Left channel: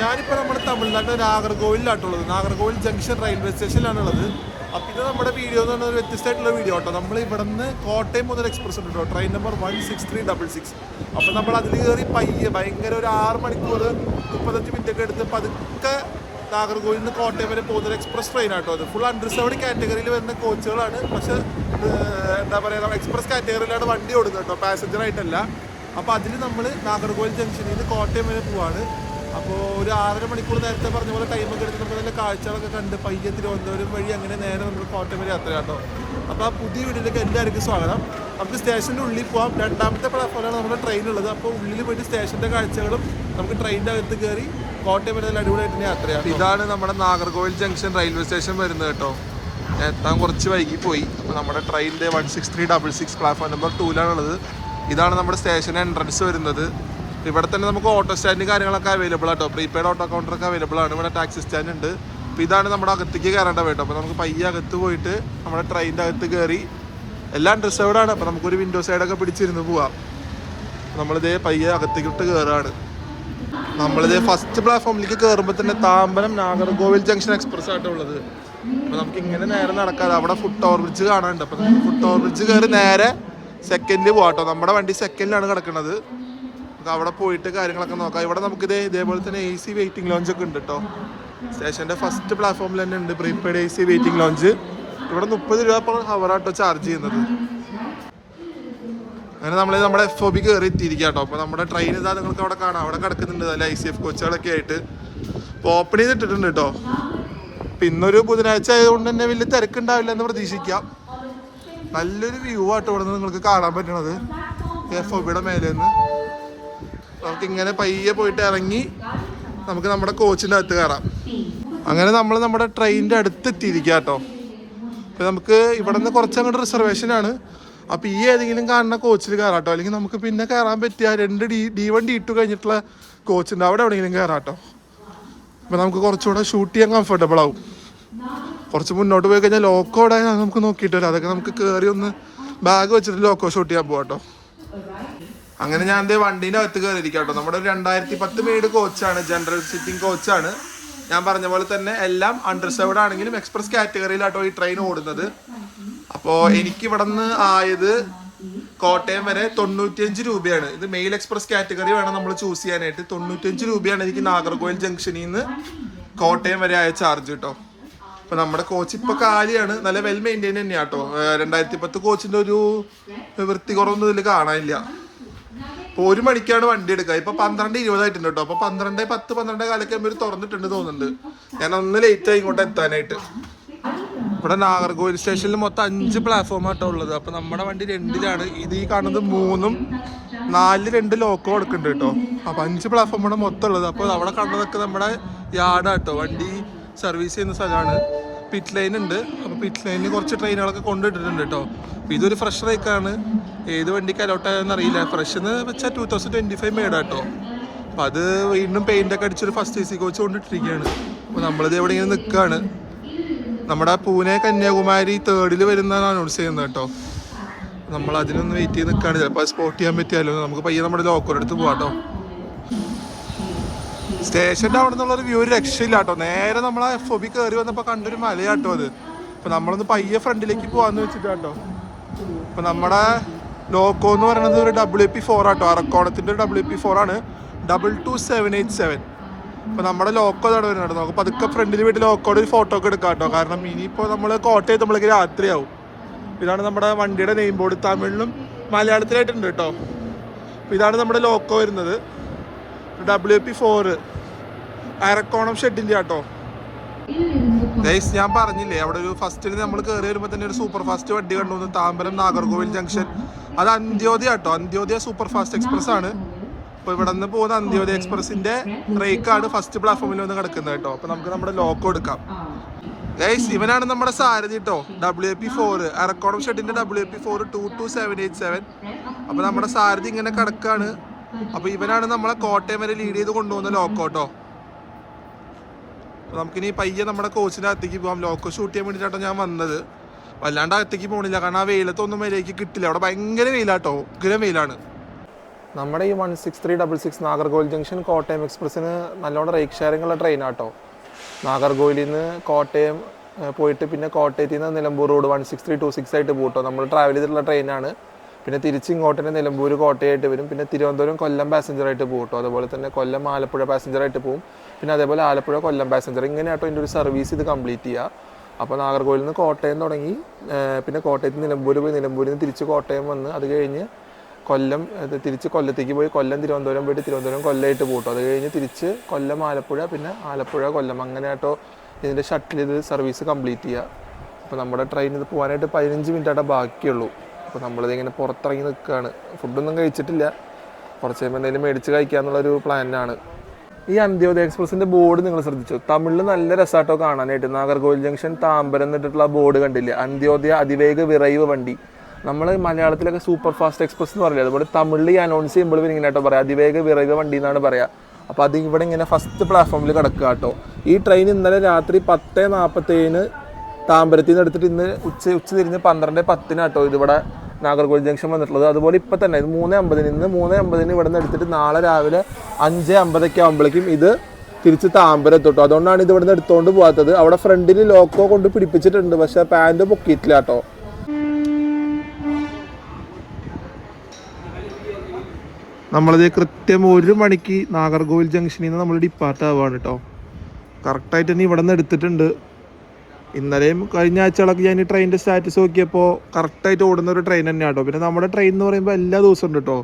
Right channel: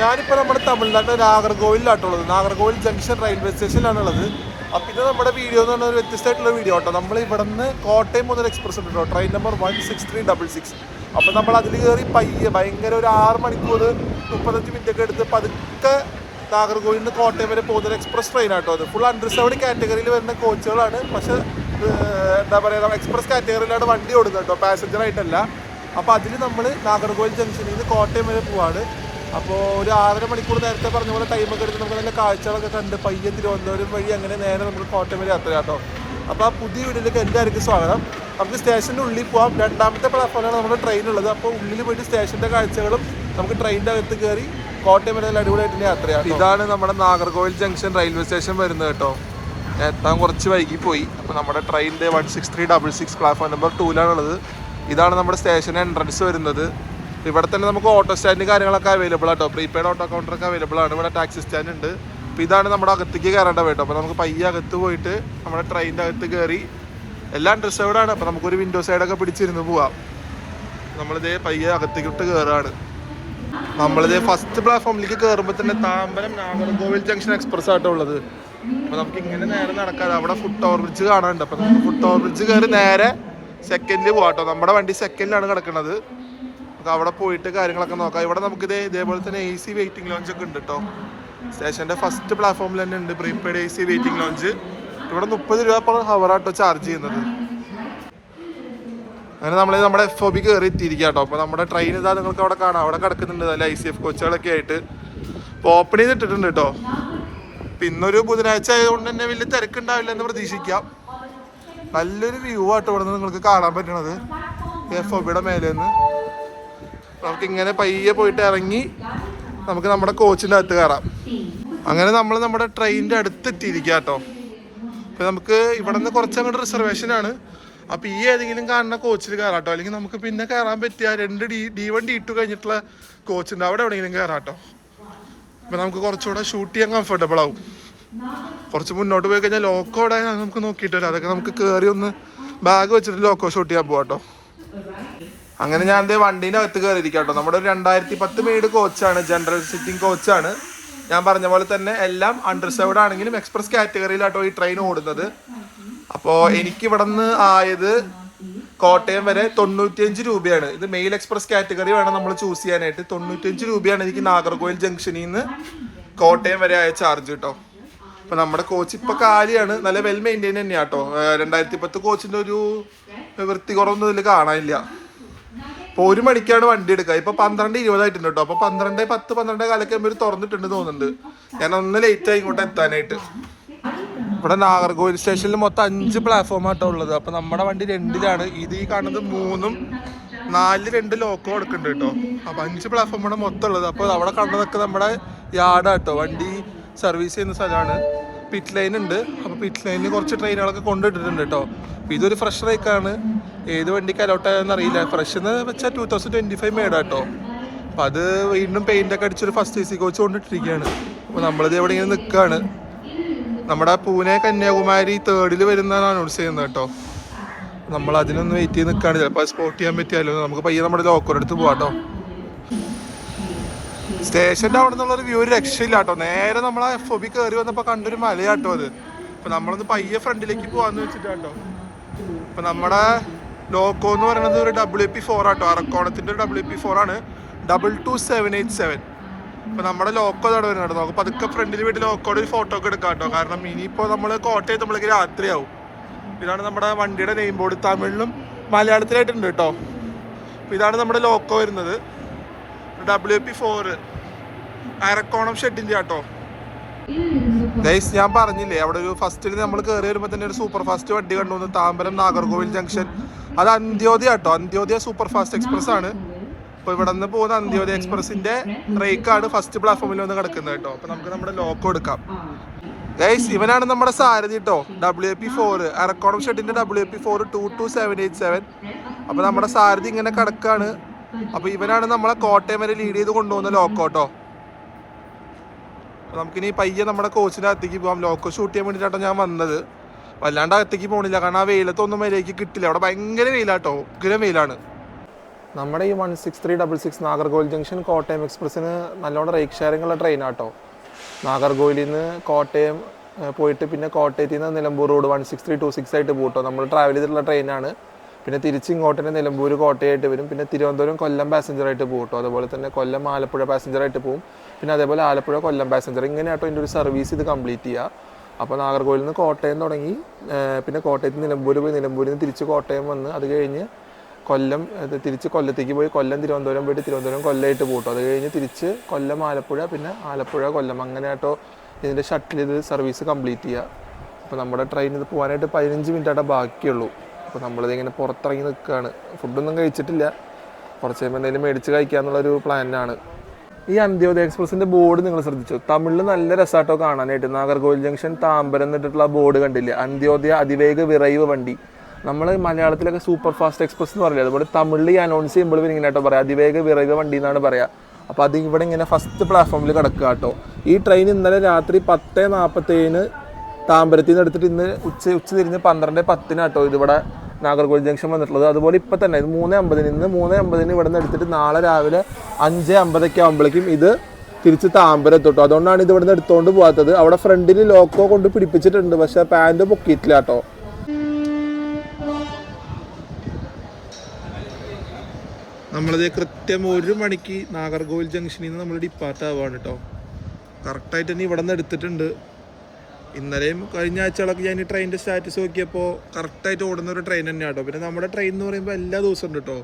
ഞാനിപ്പോൾ നമ്മുടെ തമിഴ്നാട്ടിലെ നാഗർകോവിലാട്ടുള്ളത്. നാഗർകോവിൽ ജംഗ്ഷൻ റെയിൽവേ സ്റ്റേഷനിലാണുള്ളത്. അപ്പം ഇത് നമ്മുടെ വീഡിയോ എന്ന് പറഞ്ഞാൽ ഒരു വ്യത്യസ്തമായിട്ടുള്ള വീഡിയോ കേട്ടോ. നമ്മൾ ഇവിടെ നിന്ന് കോട്ടയം മുതൽ എക്സ്പ്രസ് ഉണ്ട് കേട്ടോ, ട്രെയിൻ നമ്പർ 16366. അപ്പം നമ്മൾ അതിൽ കയറി പയ്യെ ഭയങ്കര ഒരു 6 മണിക്കൂർ 35 മിനിറ്റ് ഒക്കെ എടുത്ത് പതുക്കെ നാഗർകോവിൽ നിന്ന് കോട്ടയം വരെ പോകുന്ന ഒരു എക്സ്പ്രസ് ട്രെയിൻ ആട്ടോ. അത് ഫുൾ അണ്ടർസേർവ്ഡ് കാറ്റഗറിയിൽ വരുന്ന കോച്ചുകളാണ്. പക്ഷേ എന്താ പറയുക, എക്സ്പ്രസ് കാറ്റഗറിയിലാണ് വണ്ടി ഓടുന്നത് കേട്ടോ, പാസഞ്ചർ ആയിട്ടല്ല. അപ്പോൾ അതിൽ നമ്മൾ നാഗർകോവിൽ ജംഗ്ഷനിൽ നിന്ന് കോട്ടയം വരെ പോവാണ്. അപ്പോൾ ഒരു 6.5 മണിക്കൂർ നേരത്തെ പറഞ്ഞ പോലെ ടൈമൊക്കെ എടുത്ത് നമുക്ക് നല്ല കാഴ്ചകളൊക്കെ കണ്ട് പയ്യെ തിരുവനന്തപുരം വഴി അങ്ങനെ നേരെ നമുക്ക് കോട്ടയം വരെ യാത്ര കേട്ടോ. അപ്പോൾ ആ പുതിയ വീഡിയോയിലേക്ക് എല്ലാവർക്കും സ്വാഗതം. നമുക്ക് സ്റ്റേഷൻ്റെ ഉള്ളിൽ പോവാം. 2ാമത്തെ പ്ലാറ്റ്ഫോമിലാണ് നമ്മുടെ ട്രെയിൻ ഉള്ളത്. അപ്പോൾ ഉള്ളിൽ പോയിട്ട് സ്റ്റേഷൻ്റെ കാഴ്ചകളും നമുക്ക് ട്രെയിനിൻ്റെ അകത്ത് കയറി കോട്ടയം വരെ നല്ല അടിപൊളിയായിട്ട് യാത്രയാണ്. ഇതാണ് നമ്മുടെ നാഗർകോവിൽ ജംഗ്ഷൻ റെയിൽവേ സ്റ്റേഷൻ വരുന്നത് കേട്ടോ. എത്താൻ കുറച്ച് വൈകി പോയി. അപ്പോൾ നമ്മുടെ ട്രെയിനിൻ്റെ 16366 പ്ലാറ്റ്ഫോം നമ്പർ 2ലാണുള്ളത്. ഇതാണ് നമ്മുടെ സ്റ്റേഷൻ എൻട്രൻസ് വരുന്നത്. ഇവിടെ തന്നെ നമുക്ക് ഓട്ടോ സ്റ്റാൻഡും കാര്യങ്ങളൊക്കെ അവൈലബിൾ ആട്ടോ. പ്രീപെയ്ഡ് ഓട്ടോ കൗണ്ടറൊക്കെ അവൈലബിൾ ആണ്. ഇവിടെ ടാക്സി സ്റ്റാൻഡ് ഉണ്ട്. അപ്പോൾ ഇതാണ് നമ്മുടെ അകത്തേക്ക് കയറേണ്ട കേട്ടോ. അപ്പോൾ നമുക്ക് പയ്യെ അകത്ത് പോയിട്ട് നമ്മുടെ ട്രെയിനിൻ്റെ അകത്ത് കയറി എല്ലാം റിസർവ്ഡ് ആണ്. അപ്പോൾ നമുക്കൊരു വിൻഡോ സൈഡൊക്കെ പിടിച്ചിരുന്ന് പോവാം. നമ്മളിതേ പയ്യെ അകത്തേക്കിട്ട് കയറാണ്. നമ്മളിതേ ഫസ്റ്റ് പ്ലാറ്റ്ഫോമിലേക്ക് കയറുമ്പോൾ തന്നെ താമ്പരം നാഗർകോവിൽ ജംഗ്ഷൻ എക്സ്പ്രസ് ആട്ടോ ഉള്ളത്. അപ്പോൾ നമുക്ക് ഇങ്ങനെ നേരെ നടക്കാതെ അവിടെ ഫുട് ഓവർ ബ്രിഡ്ജ് കാണാനുണ്ട്. അപ്പോൾ നമുക്ക് ഫുട് ഓവർ ബ്രിഡ്ജ് കയറി നേരെ സെക്കൻഡിൽ പോകാട്ടോ. നമ്മുടെ വണ്ടി സെക്കൻഡിലാണ് കിടക്കുന്നത്. അവിടെ പോയിട്ട് കാര്യങ്ങളൊക്കെ നോക്കാം. ഇവിടെ നമുക്ക് ഇതേപോലെ തന്നെ AC വെയിറ്റിംഗ് ലോഞ്ച് ഒക്കെ ഉണ്ട് കേട്ടോ. സ്റ്റേഷൻ്റെ ഫസ്റ്റ് പ്ലാറ്റ്ഫോമിൽ തന്നെ ഉണ്ട് പ്രീപെയ്ഡ് AC വെയിറ്റിംഗ് ലോഞ്ച്. ഇവിടെ 30 രൂപ per hour ആട്ടോ ചാർജ് ചെയ്യുന്നത്. അങ്ങനെ നമ്മൾ നമ്മുടെ FOB കയറി എത്തിയിരിക്കുക കേട്ടോ. അപ്പോൾ നമ്മുടെ ട്രെയിൻ ഇതാ നിങ്ങൾക്ക് അവിടെ കാണാം. അവിടെ കിടക്കുന്നുണ്ട് നല്ല ICF കോച്ചുകളൊക്കെ ആയിട്ട്. അപ്പോൾ ഓപ്പൺ ചെയ്തിട്ടിട്ടുണ്ട് കേട്ടോ. അപ്പോൾ ഇന്നൊരു ബുധനാഴ്ച ആയതുകൊണ്ട് തന്നെ വലിയ തിരക്കുണ്ടാവില്ല എന്ന് പ്രതീക്ഷിക്കാം. നല്ലൊരു വ്യൂ ആട്ടോ ഇവിടെ നിന്ന് നിങ്ങൾക്ക് കാണാൻ പറ്റണത് FOBയുടെ മേലെ നിന്ന്. നമുക്കിങ്ങനെ പയ്യെ പോയിട്ട് ഇറങ്ങി നമുക്ക് നമ്മുടെ കോച്ചിൻ്റെ അകത്ത് കയറാം. അങ്ങനെ നമ്മൾ നമ്മുടെ ട്രെയിനിൻ്റെ അടുത്ത് എത്തിയിരിക്കുക കേട്ടോ. അപ്പോൾ നമുക്ക് ഇവിടെ നിന്ന് കുറച്ചങ്ങോട്ട് റിസർവേഷനാണ്. അപ്പോൾ ഈ ഏതെങ്കിലും കാണുന്ന കോച്ചിൽ കയറാം കേട്ടോ. അല്ലെങ്കിൽ നമുക്ക് പിന്നെ കയറാൻ പറ്റിയ 2 D1 D2 കഴിഞ്ഞിട്ടുള്ള കോച്ചുണ്ട്, അവിടെ എവിടെയെങ്കിലും കയറാം കേട്ടോ. അപ്പോൾ നമുക്ക് കുറച്ചുകൂടെ ഷൂട്ട് ചെയ്യാൻ കംഫർട്ടബിൾ ആവും. കുറച്ച് മുന്നോട്ട് പോയി കഴിഞ്ഞാൽ ലോക്കോ അവിടെ നമുക്ക് നോക്കിയിട്ട് വരാം. അതൊക്കെ നമുക്ക് കയറി ഒന്ന് ബാഗ് വെച്ചിട്ട് ലോക്കോ ഷൂട്ട് ചെയ്യാൻ പോകാം കേട്ടോ. അങ്ങനെ ഞാൻ എൻ്റെ വണ്ടീൻ്റെ അകത്ത് കയറിയിരിക്കാം കേട്ടോ. നമ്മുടെ 2010 മെയ്ഡ് കോച്ചാണ്, ജനറൽ സിറ്റിംഗ് കോച്ചാണ്. ഞാൻ പറഞ്ഞ പോലെ തന്നെ എല്ലാം അണ്ടർസേർവ്ഡ് ആണെങ്കിലും എക്സ്പ്രസ് കാറ്റഗറിയിലാട്ടോ ഈ ട്രെയിൻ ഓടുന്നത്. അപ്പോൾ എനിക്ക് ഇവിടെ നിന്ന് ആയത് കോട്ടയം വരെ 95 രൂപയാണ്. ഇത് മെയിൽ എക്സ്പ്രസ് കാറ്റഗറി വേണം നമ്മൾ ചൂസ് ചെയ്യാനായിട്ട്. 95 രൂപയാണ് എനിക്ക് നാഗർകോവിൽ ജംഗ്ഷനിൽ നിന്ന് കോട്ടയം വരെ ആയ ചാർജ് കേട്ടോ. അപ്പോൾ നമ്മുടെ കോച്ച് ഇപ്പോൾ കാലിയാണ്. നല്ല വെൽ മെയിൻറ്റെയിൻ തന്നെയാണ് കേട്ടോ. 2010 കോച്ചിൻ്റെ ഒരു വൃത്തി കുറവൊന്നും ഇതിൽ കാണാനില്ല. ഇപ്പോൾ 1 മണിക്കാണ് വണ്ടി എടുക്കുക. ഇപ്പോൾ 12:20 ആയിട്ടുണ്ട് കേട്ടോ. അപ്പോൾ 12:10 12 ഇവർ തുറന്നിട്ടുണ്ട് തോന്നുന്നുണ്ട്. ഞാൻ ഒന്ന് ലേറ്റായി ഇങ്ങോട്ട് എത്താനായിട്ട്. ഇവിടെ നാഗർകോവിൽ സ്റ്റേഷനിൽ മൊത്തം 5 പ്ലാറ്റ്ഫോം ആട്ടോ ഉള്ളത്. അപ്പോൾ നമ്മുടെ വണ്ടി 2ലാണ്. ഇത് ഈ കാണുന്നത് 3ഉം 4 2 ലോക്കോ കൊടുക്കുന്നുണ്ട് കേട്ടോ. അപ്പോൾ 5 പ്ലാറ്റ്ഫോമാണ് മൊത്തം ഉള്ളത്. അപ്പോൾ അവിടെ കണ്ടതൊക്കെ നമ്മുടെ യാർഡാട്ടോ, വണ്ടി സർവീസ് ചെയ്യുന്ന സ്ഥലമാണ്. പിറ്റ് ലൈൻ ഉണ്ട്. അപ്പോൾ പിറ്റ് ലൈനിൽ കുറച്ച് ട്രെയിനുകളൊക്കെ കൊണ്ടിട്ടിട്ടുണ്ട് കേട്ടോ. അപ്പോൾ ഇതൊരു ഫ്രഷ് റേക്കാണ്. ഏത് വണ്ടിക്ക് അലോട്ടായെന്ന് അറിയില്ല. ഫ്രഷ് എന്ന് വെച്ചാൽ 2025 മേടാ കേട്ടോ. അപ്പോൾ അത് വീണ്ടും പെയിൻ്റൊക്കെ അടിച്ചൊരു ഫസ്റ്റ് AC കോച്ച് കൊണ്ടിട്ടിരിക്കുകയാണ്. അപ്പോൾ നമ്മളിത് എവിടെ ഇങ്ങനെ നിൽക്കുകയാണ്. നമ്മുടെ പൂനെ കന്യാകുമാരി 3rd വരുന്നതാണ് അനൗൺസ് ചെയ്യുന്നത് കേട്ടോ. നമ്മൾ അതിനൊന്ന് വെയിറ്റ് ചെയ്ത് നിൽക്കുകയാണ്. ചിലപ്പോൾ അത് സ്പോട്ട് ചെയ്യാൻ പറ്റിയാലോ. നമുക്ക് പയ്യെ നമ്മുടെ ലോക്കോടെ അടുത്ത് പോകാം കേട്ടോ. സ്റ്റേഷൻ്റെ അവിടെ നിന്നുള്ളൊരു വ്യൂ ഒരു രക്ഷയില്ല കേട്ടോ. നേരെ നമ്മൾ ആ FOB കയറി വന്നപ്പോൾ കണ്ടൊരു മലയാട്ടോ അത്. അപ്പോൾ നമ്മളൊന്ന് പയ്യെ ഫ്രണ്ടിലേക്ക് പോകാമെന്ന് വെച്ചിട്ടാട്ടോ. അപ്പോൾ നമ്മുടെ ലോക്കോ എന്ന് പറയുന്നത് ഒരു WP4 ആട്ടോ. അറക്കോണത്തിൻ്റെ ഒരു WP4 ആണ്, 22787. അപ്പോൾ നമ്മുടെ ലോക്കോ അവിടെ വരുന്നുണ്ട്. നമുക്ക് പതുക്കെ ഫ്രണ്ടിൽ വീട്ടിൽ ലോക്കോയുടെ ഒരു ഫോട്ടോ ഒക്കെ എടുക്കാം കേട്ടോ. കാരണം ഇനിയിപ്പോൾ നമ്മൾ കോട്ടയം നമ്മളേക്ക് രാത്രിയാവും. ഇതാണ് നമ്മുടെ വണ്ടിയുടെ നെയിം ബോർഡ്. തമിഴിലും മലയാളത്തിലായിട്ടുണ്ട് കേട്ടോ. അപ്പോൾ ഇതാണ് നമ്മുടെ ലോക്കോ വരുന്നത്, WP4 അരക്കോണം ഷെഡിൻ്റെ കേട്ടോ. ഗൈസ്, ഞാൻ പറഞ്ഞില്ലേ അവിടെ ഒരു ഫസ്റ്റിൽ നമ്മൾ കയറി വരുമ്പോൾ തന്നെ ഒരു സൂപ്പർ ഫാസ്റ്റ് വണ്ടി കണ്ടു, താമ്പരം നാഗർകോവിൽ ജംഗ്ഷൻ. അത് അന്ത്യോദയ കേട്ടോ. അന്ത്യോദയ സൂപ്പർ ഫാസ്റ്റ് എക്സ്പ്രസ് ആണ്. അപ്പോൾ ഇവിടെ നിന്ന് പോകുന്ന അന്ത്യോദയ എക്സ്പ്രസിന്റെ റേക്കാണ് ഫസ്റ്റ് പ്ലാറ്റ്ഫോമിൽ വന്ന് കിടക്കുന്നത് കേട്ടോ. അപ്പോൾ നമുക്ക് നമ്മുടെ ലോക്കോ എടുക്കാം. ഗൈസ്, ഇവനാണ് നമ്മുടെ സാരഥി കേട്ടോ. WP4 Arakkonam ഷെഡിന്റെ WP4 22787. അപ്പോൾ നമ്മുടെ സാരഥി ഇങ്ങനെ കിടക്കാണ്. അപ്പോൾ ഇവനാണ് നമ്മളെ കോട്ടയം വരെ ലീഡ് ചെയ്ത് കൊണ്ടുപോകുന്ന ലോക്കോ കേട്ടോ. അപ്പോൾ നമുക്കിനി പയ്യെ നമ്മുടെ കോച്ചിൻ്റെ അകത്തേക്ക് പോകാം. ലോക്കോ ഷൂട്ട് ചെയ്യാൻ വേണ്ടിയിട്ടാണ് ഞാൻ വന്നത്. വല്ലാണ്ട് അകത്തേക്ക് പോകണില്ല, കാരണം ആ വെയിലത്തൊന്നും വരേക്ക് കിട്ടില്ല. അവിടെ ഭയങ്കര വെയിലാട്ടോ, ഉഗ്രം വെയിലാണ്. നമ്മുടെ ഈ 16366 നാഗർകോവിൽ ജംഗ്ഷൻ കോട്ടയം എക്സ്പ്രസ്സിന് നല്ലോണം റേക്ക് ഷെയറിംഗ് ഉള്ള ട്രെയിനാട്ടോ. നാഗർകോവിലിൽ നിന്ന് കോട്ടയം പോയിട്ട് പിന്നെ കോട്ടയത്തിൽ നിന്ന് നിലമ്പൂർ റോഡ് 16326 ആയിട്ട് പോകട്ടോ. നമ്മൾ ട്രാവൽ ചെയ്തിട്ടുള്ള ട്രെയിനാണ്. പിന്നെ തിരിച്ച് ഇങ്ങോട്ട് തന്നെ നിലമ്പൂർ കോട്ടയമായിട്ട് വരും. പിന്നെ തിരുവനന്തപുരം കൊല്ലം പാസഞ്ചറായിട്ട് പോകട്ടോ. അതുപോലെ തന്നെ കൊല്ലം ആലപ്പുഴ പാസഞ്ചറായിട്ട് പോകും. പിന്നെ അതേപോലെ ആലപ്പുഴ കൊല്ലം പാസഞ്ചർ. ഇങ്ങനെയാട്ടോ ഇതിൻ്റെ ഒരു സർവീസ് ഇത് കംപ്ലീറ്റ് ചെയ്യുക. അപ്പോൾ നാഗർകോവിലിൽ നിന്ന് കോട്ടയം തുടങ്ങി പിന്നെ കോട്ടയത്ത് നിലമ്പൂർ പോയി, നിലമ്പൂരിൽ നിന്ന് തിരിച്ച് കോട്ടയം വന്ന് അത് കഴിഞ്ഞ് കൊല്ലം തിരിച്ച് കൊല്ലത്തേക്ക് പോയി, കൊല്ലം തിരുവനന്തപുരം പോയിട്ട് തിരുവനന്തപുരം കൊല്ലമായിട്ട് പോകട്ടോ. അത് കഴിഞ്ഞ് തിരിച്ച് കൊല്ലം ആലപ്പുഴ, പിന്നെ ആലപ്പുഴ കൊല്ലം, അങ്ങനെയാട്ടോ ഇതിൻ്റെ ഷട്ടിൽ ഇത് സർവീസ് കംപ്ലീറ്റ് ചെയ്യുക. അപ്പോൾ നമ്മുടെ ട്രെയിൻ ഇത് പോകാനായിട്ട് 15 മിനിറ്റായിട്ടേ ബാക്കിയുള്ളൂ. അപ്പോൾ നമ്മളിത് ഇങ്ങനെ പുറത്തിറങ്ങി നിൽക്കുകയാണ്. ഫുഡൊന്നും കഴിച്ചിട്ടില്ല, കുറച്ച് കഴിയുമ്പോൾ എന്തെങ്കിലും മേടിച്ച് കഴിക്കാമെന്നുള്ളൊരു പ്ലാനാണ്. ഈ അന്ത്യോദയ എക്സ്പ്രസിൻ്റെ ബോർഡ് നിങ്ങൾ ശ്രദ്ധിച്ചു? തമിഴിൽ നല്ല രസമായിട്ടോ കാണാനായിട്ട്. നാഗർകോവിൽ ജംഗ്ഷൻ താമ്പരം എന്നിട്ടുള്ള ബോർഡ് കണ്ടില്ലേ? അന്ത്യോദയ അതിവേഗ വിറൈവ് വണ്ടി. നമ്മൾ മലയാളത്തിലൊക്കെ സൂപ്പർ ഫാസ്റ്റ് എക്സ്പ്രസ് എന്ന് പറയില്ല, അതുപോലെ തമിഴിൽ ഈ അനൗൺസ് ചെയ്യുമ്പോൾ ഇങ്ങനെ കേട്ടോ പറയാം, അതിവേഗ വിറൈവ് വണ്ടി എന്നാണ് പറയുക. അപ്പോൾ അത് ഇവിടെ ഇങ്ങനെ ഫസ്റ്റ് പ്ലാറ്റ്ഫോമിൽ കിടക്കുക കേട്ടോ. ഈ ട്രെയിൻ ഇന്നലെ രാത്രി 10:47 താമ്പരത്തിൽ നിന്ന് എടുത്തിട്ട് ഇന്ന് ഉച്ച തിരിഞ്ഞ് 12:10 കേട്ടോ ഇതിവിടെ നാഗർകോവിൽ ജംഗ്ഷൻ വന്നിട്ടുള്ളത്. അതുപോലെ ഇപ്പം തന്നെ 3:50 ഇന്ന് 3:50 ഇവിടെ നിന്ന് എടുത്തിട്ട് നാളെ രാവിലെ 5:50 ആകുമ്പോഴേക്കും ഇത് തിരിച്ച് താമ്പരം എത്തോട്ടോ. അതുകൊണ്ടാണ് ഇത് ഇവിടെ നിന്ന് എടുത്തുകൊണ്ട് പോകാത്തത്. അവിടെ ഫ്രണ്ടിൽ ലോക്കോ കൊണ്ട് പിടിപ്പിച്ചിട്ടുണ്ട്, പക്ഷേ പാൻറ് പൊക്കിയിട്ടില്ല കേട്ടോ. നമ്മളിത് കൃത്യം 1 മണിക്ക് നാഗർകോവിൽ ജംഗ്ഷനിൽ നിന്ന് നമ്മൾ ഡിപ്പാർട്ട് ആവുകയാണ് കേട്ടോ. കറക്റ്റായിട്ട് തന്നെ ഇവിടെ നിന്ന് എടുത്തിട്ടുണ്ട്. ഇന്നലെയും കഴിഞ്ഞ ആഴ്ചകളൊക്കെ ഞാൻ ഈ ട്രെയിനിൻ്റെ സ്റ്റാറ്റസ് നോക്കിയപ്പോൾ കറക്റ്റായിട്ട് ഓടുന്ന ഒരു ട്രെയിൻ തന്നെയാണ് കേട്ടോ. പിന്നെ നമ്മുടെ ട്രെയിൻ എന്ന് പറയുമ്പോൾ എല്ലാ ദിവസവും ഉണ്ട് കേട്ടോ.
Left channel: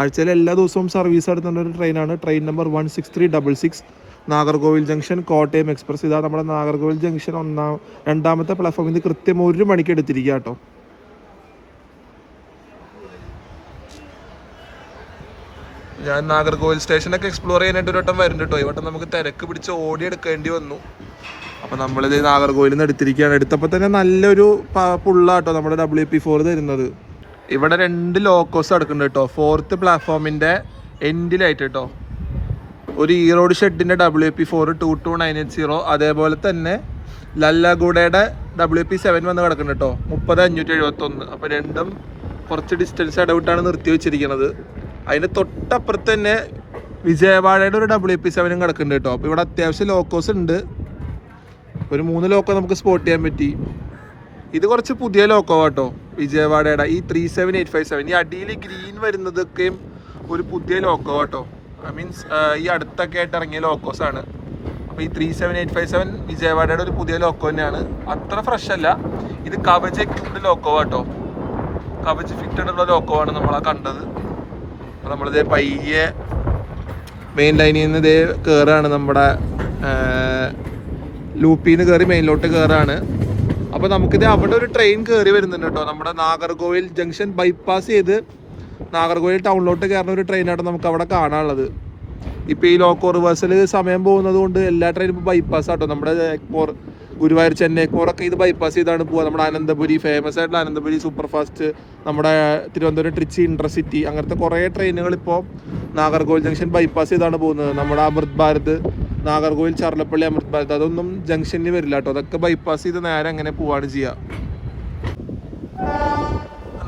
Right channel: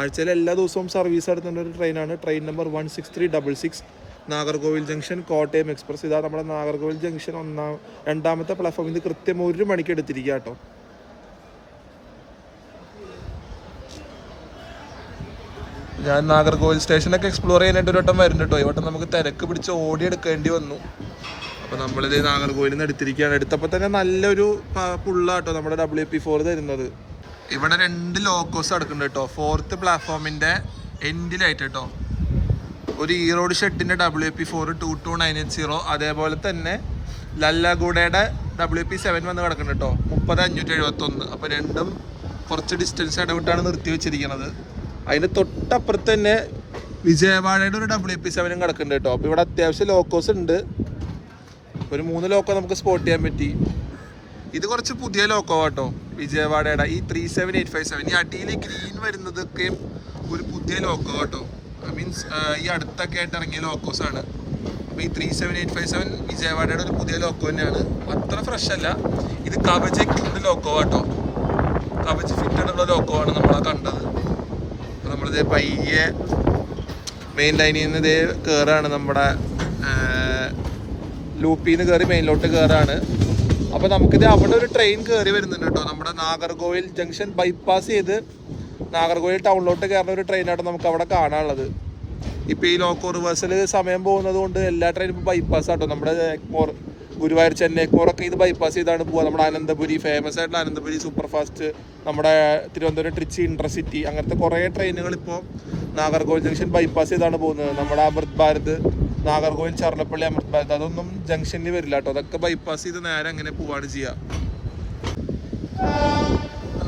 ആഴ്ചയിൽ എല്ലാ ദിവസവും സർവീസ് നടത്തുന്ന ഒരു ട്രെയിനാണ്. Train number 16366 Nagercoil junction Kottayam express. ഇതാണ് നമ്മുടെ നാഗർകോവിൽ ജംഗ്ഷൻ രണ്ടാമത്തെ പ്ലാറ്റ്ഫോമിൽ നിന്ന് കൃത്യം 1 മണിക്ക് എടുത്തിരിക്കുക കേട്ടോ. ഞാൻ നാഗർകോവിൽ സ്റ്റേഷനൊക്കെ എക്സ്പ്ലോർ ചെയ്യാനായിട്ട് ഒരു വട്ടം വരുന്നുണ്ട് കേട്ടോ. ഈ വട്ടം നമുക്ക് തിരക്ക് പിടിച്ച് ഓടിയെടുക്കേണ്ടി വന്നു. അപ്പോൾ നമ്മളിത് നാഗർകോവിലിൽ നിന്ന് എടുത്തിരിക്കുകയാണ്. എടുത്തപ്പോൾ തന്നെ നല്ലൊരു പുള്ളാട്ടോ നമ്മുടെ WP4 തരുന്നത്. ഇവിടെ 2 ലോക്കോസ് എടുക്കുന്നുണ്ട് കേട്ടോ. 4th പ്ലാറ്റ്ഫോമിൻ്റെ എൻഡിലായിട്ട് കേട്ടോ. ഒരു ഈറോഡ് ഷെഡിൻ്റെ WP4 22980, അതേപോലെ തന്നെ ലല്ലഗൂഡയുടെ WP7 വന്ന് കിടക്കുന്നുണ്ട് കേട്ടോ 30571. അപ്പോൾ രണ്ടും കുറച്ച് ഡിസ്റ്റൻസ് ഇടവിട്ടാണ് നിർത്തി വെച്ചിരിക്കുന്നത്. അതിൻ്റെ തൊട്ടപ്പുറത്ത് തന്നെ വിജയവാഡയുടെ ഒരു WP7 കിടക്കുന്നുണ്ട് കേട്ടോ. അപ്പോൾ ഇവിടെ അത്യാവശ്യം ലോക്കോസ് ഉണ്ട്. ഒരു 3 ലോക്കോ നമുക്ക് സ്പോട്ട് ചെയ്യാൻ പറ്റി. ഇത് കുറച്ച് പുതിയ ലോക്കോ കേട്ടോ, വിജയവാഡയുടെ ഈ 37857. ഈ അടിയിൽ ഗ്രീൻ വരുന്നതൊക്കെയും ഒരു പുതിയ ലോക്കോ കേട്ടോ. മീൻസ് ഈ അടുത്തൊക്കെ ആയിട്ട് ഇറങ്ങിയ ലോക്കോസാണ്. അപ്പോൾ ഈ 37857 വിജയവാഡയുടെ ഒരു പുതിയ ലോക്കോ തന്നെയാണ്. അത്ര ഫ്രഷ് അല്ല. ഇത് കവച് എക്യുപ്ഡ് ലോക്കോ കേട്ടോ. കവച് ഫിറ്റഡ് ഉള്ള ലോക്കോ ആണ് നമ്മളാ കണ്ടത്. അപ്പോൾ നമ്മളിത് പയ്യെ മെയിൻ ലൈനിൽ നിന്ന് ഇതേ കയറുകയാണ്. നമ്മുടെ ലൂപ്പിൽ നിന്ന് കയറി മെയിനിലോട്ട് കയറാണ്. അപ്പോൾ നമുക്കിത് അവിടെ ഒരു ട്രെയിൻ കയറി വരുന്നുണ്ട് കേട്ടോ. നമ്മുടെ നാഗർകോവിൽ ജംഗ്ഷൻ ബൈപ്പാസ് ചെയ്ത് നാഗർകോവിൽ ടൗണിലോട്ട് കയറുന്ന ഒരു ട്രെയിനാണ് നമുക്ക് അവിടെ കാണാനുള്ളത്. ഇപ്പോൾ ഈ ലോക്കോ റിവേഴ്സൽ സമയം പോകുന്നത് കൊണ്ട് എല്ലാ ട്രെയിനും ഇപ്പോൾ ബൈപ്പാസ് ആട്ടോ. നമ്മുടെ ഗുരുവായൂർ ചെന്നൈക്കോറൊക്കെ ഇത് ബൈപ്പാസ് ചെയ്താണ് പോകുക. നമ്മുടെ അനന്തപുരി, ഫേമസ് ആയിട്ടുള്ള അനന്തപുരി സൂപ്പർ ഫാസ്റ്റ്, നമ്മുടെ തിരുവനന്തപുരം ട്രിച്ചി ഇൻ്റർസിറ്റി, അങ്ങനത്തെ കുറേ ട്രെയിനുകൾ ഇപ്പോൾ നാഗർകോവിൽ ജംഗ്ഷൻ ബൈപ്പാസ് ചെയ്താണ് പോകുന്നത്. നമ്മുടെ അമൃത് ഭാരത്, നാഗർകോവിൽ ചർലപ്പള്ളി അമൃത് ഭാരത്, അതൊന്നും ജംഗ്ഷനിൽ വരില്ല കേട്ടോ. അതൊക്കെ ബൈപ്പാസ് ചെയ്ത് നേരെ അങ്ങനെ പോവാണ് ചെയ്യുക.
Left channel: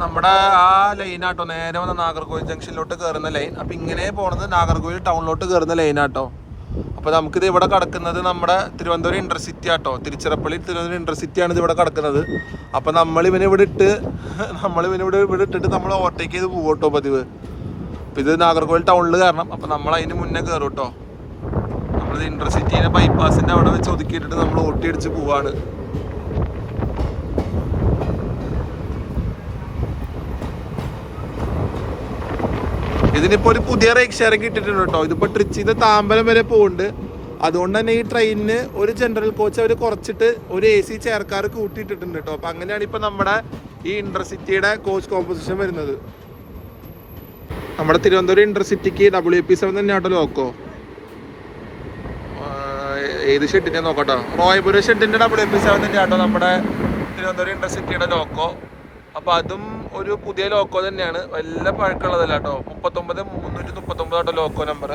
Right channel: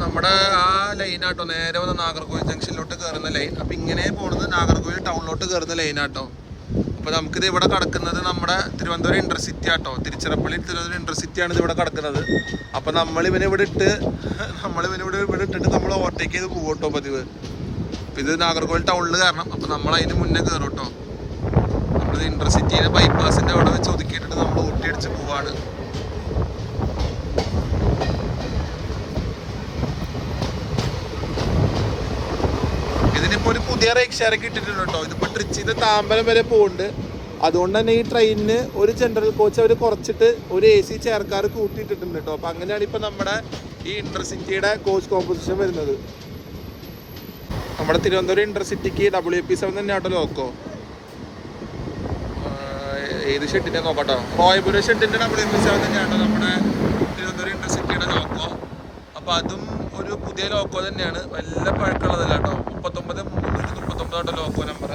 നമ്മുടെ ആ ലൈനാട്ടോ നേരെ വന്ന് നാഗർകോവിൽ ജംഗ്ഷനിലോട്ട് കയറുന്ന ലൈൻ. അപ്പം ഇങ്ങനെ പോകുന്നത് നാഗർകോവിൽ ടൗണിലോട്ട് കയറുന്ന ലൈനാട്ടോ. അപ്പോൾ നമുക്കിത് ഇവിടെ കിടക്കുന്നത് നമ്മുടെ തിരുവനന്തപുരം ഇൻ്റർസിറ്റി ആട്ടോ. തിരുച്ചിറപ്പള്ളി തിരുവനന്തപുരം ഇൻ്റർസിറ്റിയാണ് ഇത് ഇവിടെ കിടക്കുന്നത്. അപ്പോൾ നമ്മളിവനെ ഇവിടെ ഇട്ടിട്ട് നമ്മൾ ഓവർടേക്ക് ചെയ്ത് പോകും കേട്ടോ പതിവ്. അപ്പോൾ ഇത് നാഗർകോവിൽ ടൗണിൽ കയറണം. അപ്പോൾ നമ്മൾ അതിന് മുന്നേ കയറും കേട്ടോ. നമ്മളിത് ഇൻ്റർസിറ്റീനെ ബൈപ്പാസിൻ്റെ അവിടെ വെച്ച് ഒതുക്കിയിട്ടിട്ട് നമ്മൾ ഓട്ടി അടിച്ച് പോവാണ്. ഇതിനിപ്പോൾ ഒരു പുതിയ റേക്ക് ഷെയറിംഗ് ഇട്ടിട്ടുണ്ട് കേട്ടോ. ഇതിപ്പോൾ ട്രിച്ചിന്ന് താമ്പരം വരെ പോകുന്നുണ്ട്. അതുകൊണ്ട് തന്നെ ഈ ട്രെയിനിന് ഒരു ജനറൽ കോച്ച് അവർ കുറച്ചിട്ട് ഒരു AC ചെയർക്കാർ കൂട്ടിയിട്ടിട്ടുണ്ട് കേട്ടോ. അപ്പം അങ്ങനെയാണ് ഇപ്പോൾ നമ്മുടെ ഈ ഇൻ്റർസിറ്റിയുടെ കോച്ച് കോമ്പോസിഷൻ വരുന്നത്. നമ്മുടെ തിരുവനന്തപുരം ഇൻ്റർസിറ്റിക്ക് WP7 തന്നെയാട്ടോ ലോക്കോ. ഏത് ഷെഡിൻ്റെ നോക്കട്ടോ, കോയമ്പൂർ ഷെഡിൻ്റെ WP7 തന്നെയാട്ടോ നമ്മുടെ തിരുവനന്തപുരം ഇൻ്റർസിറ്റിയുടെ ലോക്കോ. അപ്പോൾ അതും ഒരു പുതിയ ലോക്കോ തന്നെയാണ്, വല്ല പഴക്കമുള്ളതല്ല കേട്ടോ. 39339 ആട്ടോ ലോക്കോ നമ്പർ.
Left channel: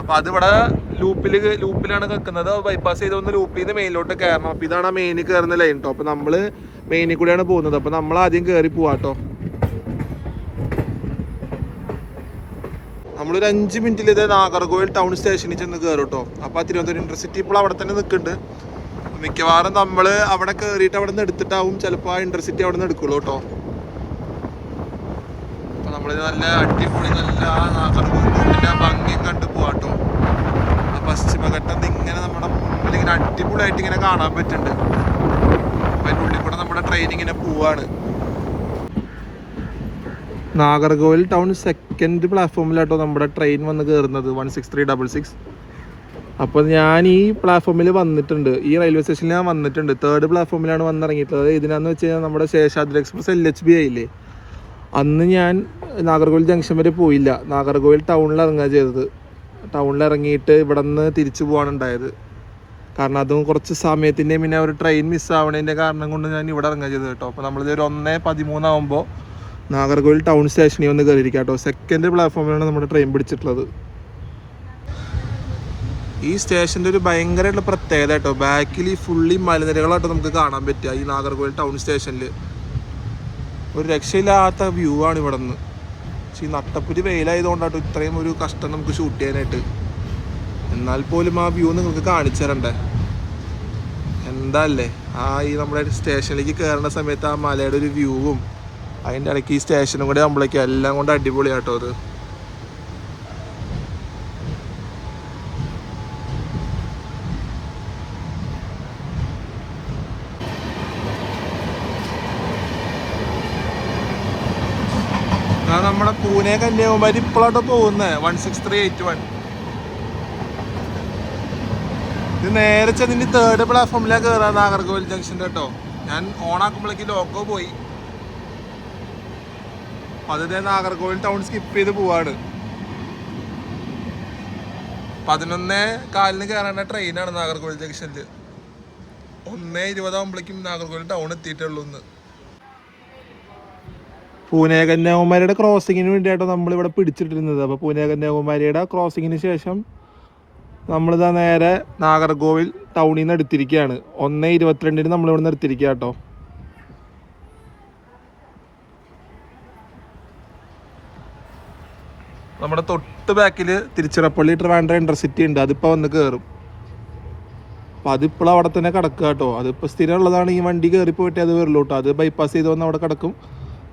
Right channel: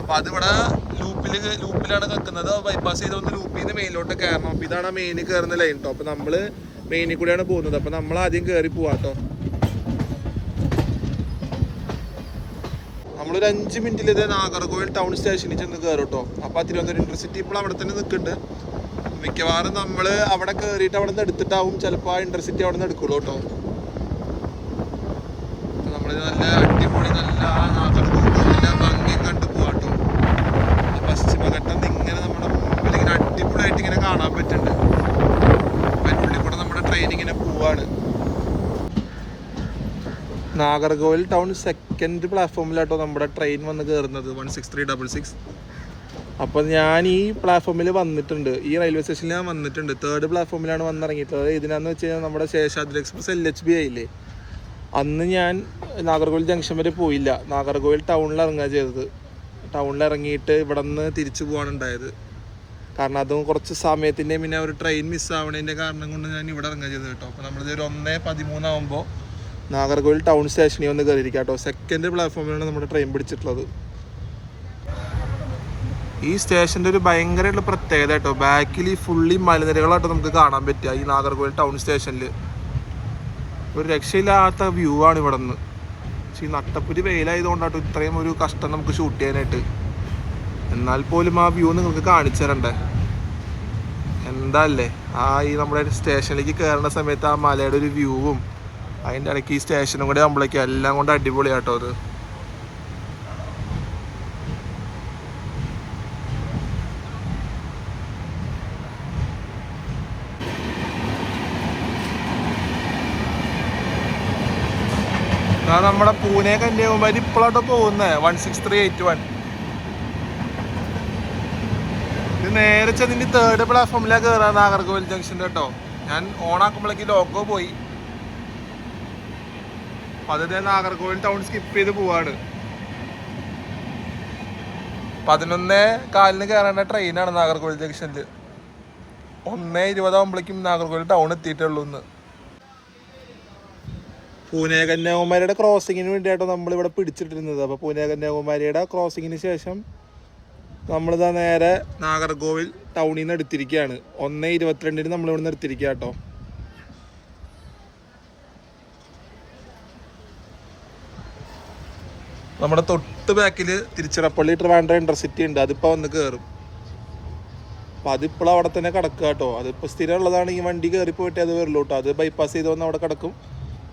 അപ്പോൾ അതിവിടെ ലൂപ്പിലാണ് വെക്കുന്നത്. ബൈപ്പാസ് ചെയ്തൊന്ന് ലൂപ്പിൽ നിന്ന് മെയിനിലോട്ട് കയറണം. അപ്പോൾ ഇതാണ് ആ മെയിനിൽ കയറുന്ന ലൈൻ കേട്ടോ. അപ്പോൾ നമ്മൾ മെയിനിൽ കൂടെയാണ് പോകുന്നത്. അപ്പോൾ നമ്മൾ ആദ്യം കയറി പോവാട്ടോ. ഒരു 5 മിനിറ്റിൽ ഇത് നാഗർകോവിൽ ടൗൺ സ്റ്റേഷനിൽ ചെന്ന് കയറും കേട്ടോ. അപ്പോൾ തിരുവനന്തപുരം ഇന്റർസിറ്റി ഇപ്പോൾ അവിടെ തന്നെ നിൽക്കുന്നുണ്ട്. മിക്കവാറും നമ്മൾ അവിടെ കയറിയിട്ട് അവിടെ നിന്ന് എടുത്തിട്ടാവും ചിലപ്പോൾ ആ ഇന്റർസിറ്റി അവിടെ നിന്ന് എടുക്കുള്ളൂ കേട്ടോ. അപ്പോൾ നമ്മൾ നല്ല അടിപൊളി നല്ല നാഗർകോവിലിൻ്റെ ഭംഗി കണ്ടു പോവാട്ടോ. പശ്ചിമഘട്ടം ഇങ്ങനെ നമ്മുടെ മുമ്പിൽ ഇങ്ങനെ അടിപൊളിയായിട്ട് ഇങ്ങനെ കാണാൻ പറ്റുന്നുണ്ട്. അപ്പം അതിൻ്റെ ഉള്ളിൽ കൂടെ നമ്മുടെ ട്രെയിൻ ഇങ്ങനെ പോവാണ്. നാഗർകോവിൽ ടൗൺ സെക്കൻഡ് പ്ലാറ്റ്ഫോമിലാട്ടോ നമ്മുടെ ട്രെയിൻ വന്ന് കയറുന്നത് 16366. അപ്പോൾ ഞാൻ ഈ പ്ലാറ്റ്ഫോമിൽ വന്നിട്ടുണ്ട്, ഈ റെയിൽവേ സ്റ്റേഷനിൽ ഞാൻ വന്നിട്ടുണ്ട്. 3rd പ്ലാറ്റ്ഫോമിലാണ് വന്നിറങ്ങിയിട്ടുള്ളത്. ഇതിനാന്ന് വെച്ച് കഴിഞ്ഞാൽ നമ്മുടെ ശേഷാദ്രി എക്സ്പ്രസ് LHB ആയില്ലേ, അന്ന് ഞാൻ നാഗർകോവിൽ ജംഗ്ഷൻ വരെ പോയില്ല, നാഗർകോവിൽ ടൗണിൽ ഇറങ്ങുക ചെയ്തത്. ടൗണിൽ ഇറങ്ങിയിട്ട് ഇവിടെ നിന്ന് തിരിച്ചു പോകാണ് ഉണ്ടായത്. കാരണം അതും കുറച്ച് സമയത്തിൻ്റെ പിന്നെ ഒരു ട്രെയിൻ മിസ്സാവണതിൻ്റെ കാരണം കൊണ്ട് ഞാൻ ഇവിടെ ഇറങ്ങുക ചെയ്തത് കേട്ടോ. അപ്പോൾ നമ്മളിത് ഒരു 1:13 ആകുമ്പോൾ നാഗർകോവിൽ ടൗൺ സ്റ്റേഷനിൽ വന്ന് കയറിയിരിക്കുക കേട്ടോ. സെക്കൻഡ് പ്ലാറ്റ്ഫോമിലാണ് നമ്മുടെ ട്രെയിൻ പിടിച്ചിട്ടുള്ളത്. ഈ സ്റ്റേഷൻ്റെ ഒരു ഭയങ്കരമായിട്ടുള്ള പ്രത്യേകത കേട്ടോ, ബാക്കിൽ ഈ ഫുള്ളി മലനിരകളാട്ടോ നമുക്ക് കാണാൻ പറ്റുക ഈ നാഗർകോവിൽ ടൗൺ സ്റ്റേഷനിൽ. ഒരു രക്ഷയില്ലാത്ത വ്യൂ ആണ് ഇവിടെ നിന്ന്. പക്ഷേ ഈ നട്ടപ്പുരി വെയിലായതുകൊണ്ടാട്ടോ ഇത്രയും ഒരു കഷ്ടം നമുക്ക് ഷൂട്ട് ചെയ്യാനായിട്ട്. എന്നാൽ പോലും ആ വ്യൂ നിങ്ങൾക്ക് കാണിച്ചു തരണ്ടേ. എന്താ അല്ലേ ഈ നമ്മുടെ സ്റ്റേഷനിലേക്ക് കയറുന്ന സമയത്ത് ആ മലയുടെ ഒരു വ്യൂവും അതിൻ്റെ ഇടയ്ക്ക് ഈ സ്റ്റേഷനും കൂടെ ആകുമ്പോഴേക്കും എല്ലാം കൊണ്ട് അടിപൊളിയാട്ടോ അത്. നമ്മുടെ പൂനെ കന്യാകുമാരി ഇപ്പോഴാട്ടോ പോകുന്നത് 16381. ഇത് നേരെ ചെന്നിട്ട് 3rd പ്ലാറ്റ്ഫോമിലാണ് കയറാ നാഗർകോവിൽ ജംഗ്ഷൻ്റെ കേട്ടോ. ഞാൻ ഓണാക്കുമ്പോഴേക്ക് ലോക്കോ പോയി. അത് നാഗർകോവിൽ ടൗൺ സ്കിപ്പ് ചെയ്ത് പോവാണ്. 11:15 കയറേണ്ട ട്രെയിനാണ് നാഗർകോവിൽ ജംഗ്ഷനിൽ. 1:20 ആകുമ്പോഴേക്കും നാഗർകോവിൽ ടൗൺ എത്തിയിട്ടുള്ളൂ. ഇന്ന് പൂനെ കന്യാകുമാരിയുടെ ക്രോസിങ്ങിന് വേണ്ടിയിട്ടോ നമ്മളിവിടെ പിടിച്ചിട്ടിരുന്നത്. അപ്പോൾ പൂനെ കന്യാകുമാരിയുടെ ക്രോസിങ്ങിന് ശേഷം നമ്മളിതാ നേരെ നാഗർകോവിൽ ടൗണിൽ നിന്ന് എടുത്തിരിക്കുകയാണ്. 1:22 നമ്മളിവിടെ നിന്ന് എടുത്തിരിക്കുക കേട്ടോ. നമ്മുടെ തൊട്ട് ബാക്കിൽ തിരുച്ചിറപ്പള്ളി ട്രിവാൻഡ്രം ഇന്റർസിറ്റി ഉണ്ട്, അതിപ്പോൾ വന്ന് കയറും. അപ്പോൾ അതിപ്പോൾ അവിടെ തന്നെ കിടക്കുക കേട്ടോ. അതിപ്പോൾ സ്ഥിരം ഉള്ളതാണ്. ഈ വണ്ടി കയറി പോയിട്ട് അത് വരുള്ളൂ കേട്ടോ. അത് ബൈപ്പാസ് ചെയ്ത് വന്ന് അവിടെ കിടക്കും.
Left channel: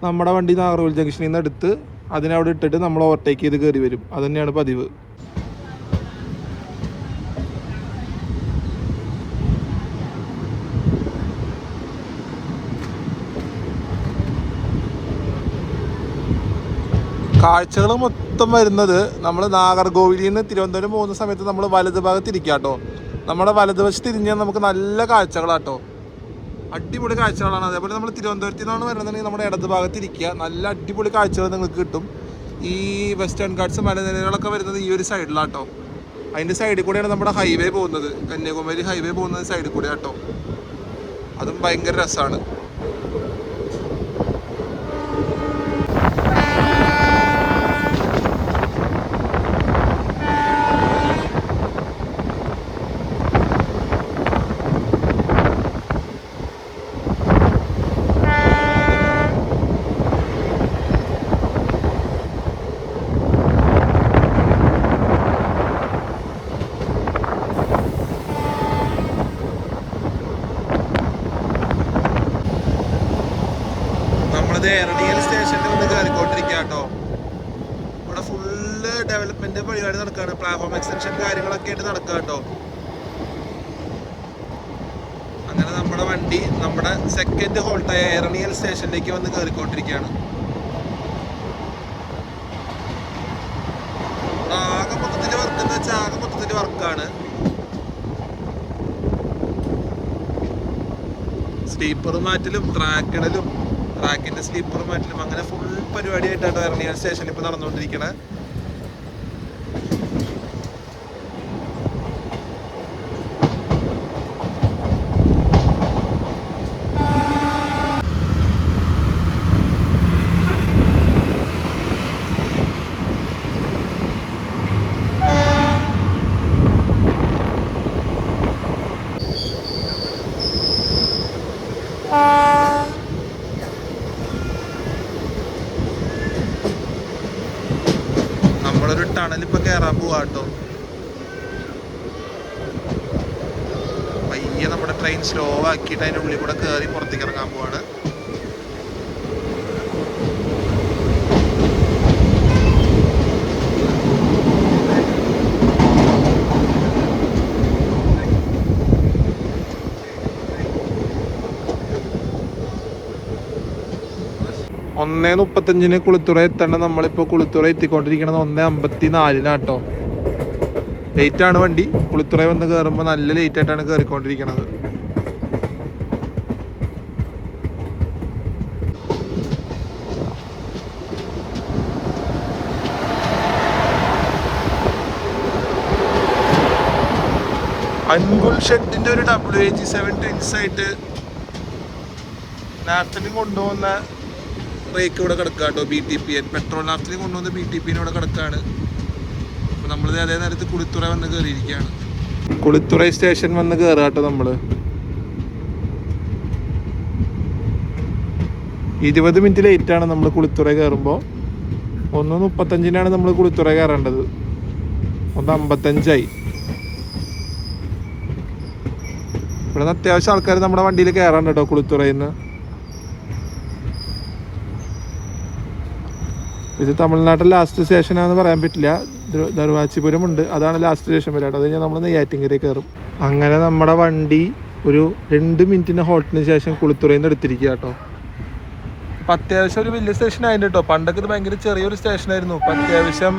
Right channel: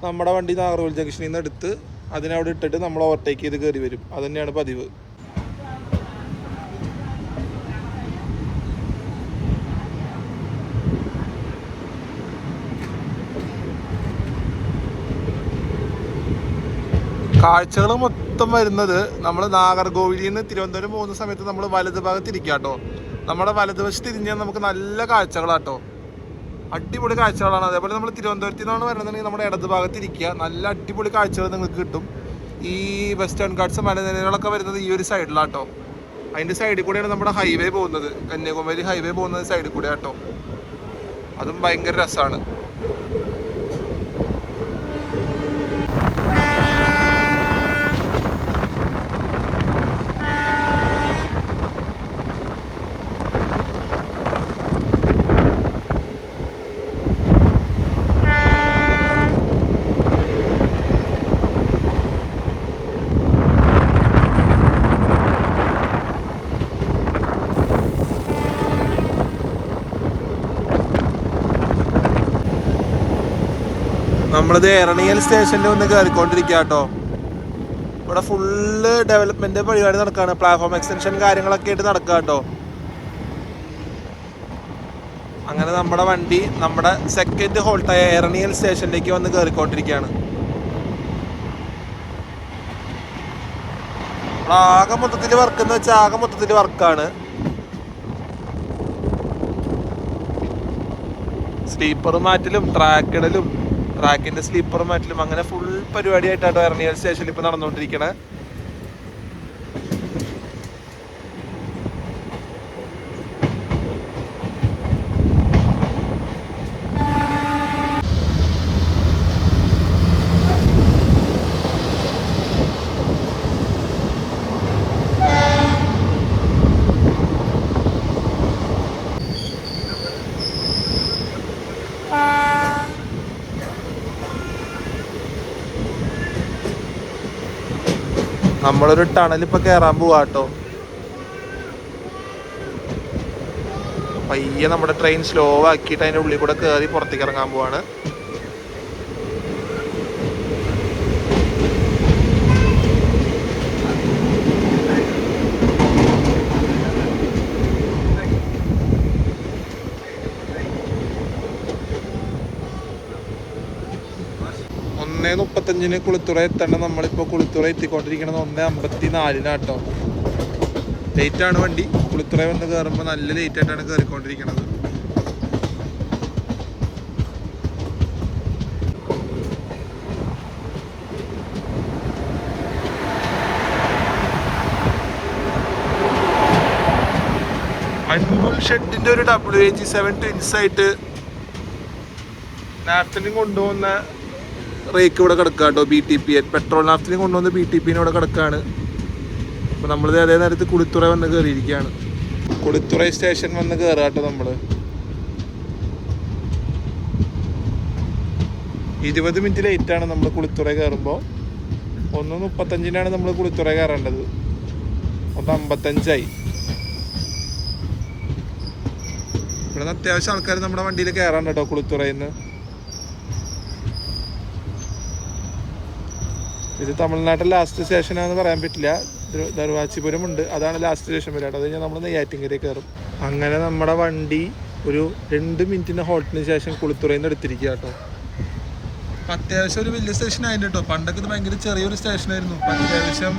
നമ്മുടെ വണ്ടി നാഗർകോവിൽ ജംഗ്ഷനിൽ നിന്ന് എടുത്ത് അതിനവിടെ ഇട്ടിട്ട് നമ്മൾ ഓവർടേക്ക് ചെയ്ത് കയറി വരും. അത് തന്നെയാണ് പതിവ്. കാഴ്ചകൾ മൊത്തം വരുന്നത് നമ്മൾ നാഗർകോവിലിൽ നിന്ന് തിരുവനന്തപുരം പോകുന്ന സമയത്ത് നമ്മൾ വലത് ഭാഗത്ത് ഇരിക്കുക കേട്ടോ. നമ്മുടെ വലതുവശത്ത് തിരിഞ്ഞാൽ നമുക്ക് നല്ല കാഴ്ചകളാട്ടോ, അടിപൊളി കാഴ്ചകളാണ്. അതേപോലെ നമ്മൾ തിരുവനന്തപുരത്തിൽ നിന്നാണ് വരുന്നതെങ്കിൽ നമ്മുടെ ഇടത് ഭാഗത്ത് ഇരിക്കുക, നല്ല അടിപൊളി കാഴ്ചകൾ നിങ്ങൾക്ക് കിട്ടും. ഈ വെസ്റ്റേൺ ഗാർഡ്സ് മലനിരകളൊക്കെ വരുന്നത് ഈ ഒരു സൈഡിലാട്ടോ. അതിൻ്റെ സൈഡിൽ കൂടെയാണ് നമ്മുടെ ഹൈവേ പോകുന്നത്, കന്യാകുമാരി ഹൈവേ പോകുന്നത് സൈഡിൽ കൂടെ കേട്ടോ. അതും ഭയങ്കര രസമാണ്. നമ്മളിത് എറണിയൽ സ്റ്റേഷനിൽ വന്ന് കയറിക്കൊണ്ടിരിക്കുക കേട്ടോ. ഇവിടെ ഫുള്ള് ഡെവലപ്മെന്റ് പരിപാടി നടക്കുകയാണ്, പ്ലാറ്റ്ഫോം എക്സ്റ്റൻഷൻ കാര്യങ്ങളൊക്കെ ആയിട്ട് നടക്കുക കേട്ടോ. അങ്ങനെ നമ്മുടെ വണ്ടി നമ്മുടെ സെക്കൻഡ് ഹോൾട്ടായ എറണിയൽ സ്റ്റേഷനിലേക്ക് വന്ന് കയറിക്കൊണ്ടിരിക്കുകയാണ്. ആകെ മൊത്തത്തിൽ വർക്ക് എന്ന് വെച്ചാൽ ആകെ മൊത്തത്തിൽ വർക്കാണ്. സ്ലീപ്പർ മാറ്റലും ട്രാക്കിടലും ട്രാക്കിന്റെ സ്ലീപ്പർ മാറ്റലും അങ്ങനെ ഫുൾ പരിപാടിയായിട്ടാണ് എറണിയൽ സ്റ്റേഷനിൽ ഇപ്പൊ നടന്നുകൊണ്ടിരിക്കണേ. നമ്മളൊരു ടണൽ ഇപ്പൊ കയറാൻ പോവാട്ടോ. പയ്യെ നമ്മുടെ ട്രെയിൻ സ്ലോ ആക്കിയിട്ട് അതിന്റെ ഉള്ളിൽ കൂടെ കയറി പുറത്തേക്ക് ഇറങ്ങാൻ പോവാണ്. ഒന്നേ 35 കുളിത്തുറ എത്തണ്ട. നമ്മളിപ്പോൾ കുളിത്തുറ എത്തിക്കൊണ്ടിരിക്കണത് 1:54 ലേറ്റ് ആണ് വണ്ടി. കുളിത്തുറ വന്ന് കയറുമ്പോൾ നല്ല ലേറ്റ് ആയിട്ടാണ് കയറിക്കൊണ്ടിരിക്കുന്നത്. അൻപുൽ ഷെഡിന്റെ ഒരു WH7 ട്വിൻസ് ആയിട്ട് നാഫ്തലിൻ കൊണ്ടുപോകുന്ന റേക്ക് ഇവിടെ കിടക്കുക കേട്ടോ. BTP പെട്രോൾ നാഫ്തലിൻ കൊണ്ടുവന്ന BTP ഇവിടെ കിടക്കുകയാണ്. അപ്പോൾ നമ്മൾ അതേ നേരത്ത് കുളിത്തുറ വന്ന് കയറിയിരിക്കുകയാണ്. കുളിത്തുറ സ്റ്റേഷൻ വന്ന് കയറുക കേട്ടോ. നമ്മൾ 20 മിനിറ്റ് ലേറ്റാണ് നമ്മൾ കുളിത്തുറ കയറുമ്പോൾ. 1:35 നമ്മൾ കുളിത്തുറ കയറേണ്ടത്. 1:55 ഇവിടെ അത്യാവശ്യം ആൾക്കാർ നമ്മുടെ വണ്ടിയിൽ കയറാണ്ട് കേട്ടോ കുളിത്തുറയിൽ നിന്ന്. ഇത് തമിഴ്നാട്ടിൽ ലാസ്റ്റ് സ്റ്റേഷനാണെന്ന് പറയാൻ പറ്റില്ല. ദർവാച്ചിപുരം ഉണ്ട്, അതാണ് ലാസ്റ്റ് സ്റ്റേഷൻ വരാട്ടോ. അത് കഴിഞ്ഞാൽ നമ്മൾ നെയ്യാറ്റിൻകര കയറും. അങ്ങനെ നമ്മുടെ വണ്ടി ഒരു 2 മിനിറ്റിന് ഹോൾട്ടിന് ശേഷം കുളിത്തുറയിൽ നിന്ന് എടുത്തിരിക്കുക കേട്ടോ. അപ്പം അത്യാവശ്യം ഒരു വലിയ സ്റ്റേഷൻ ആയിട്ട് കേട്ടോ. പണ്ടൊക്കെ ഇത് ഭയങ്കര ചെറിയൊരു സ്റ്റേഷനായിരുന്നു. അപ്പം അത്യാവശ്യം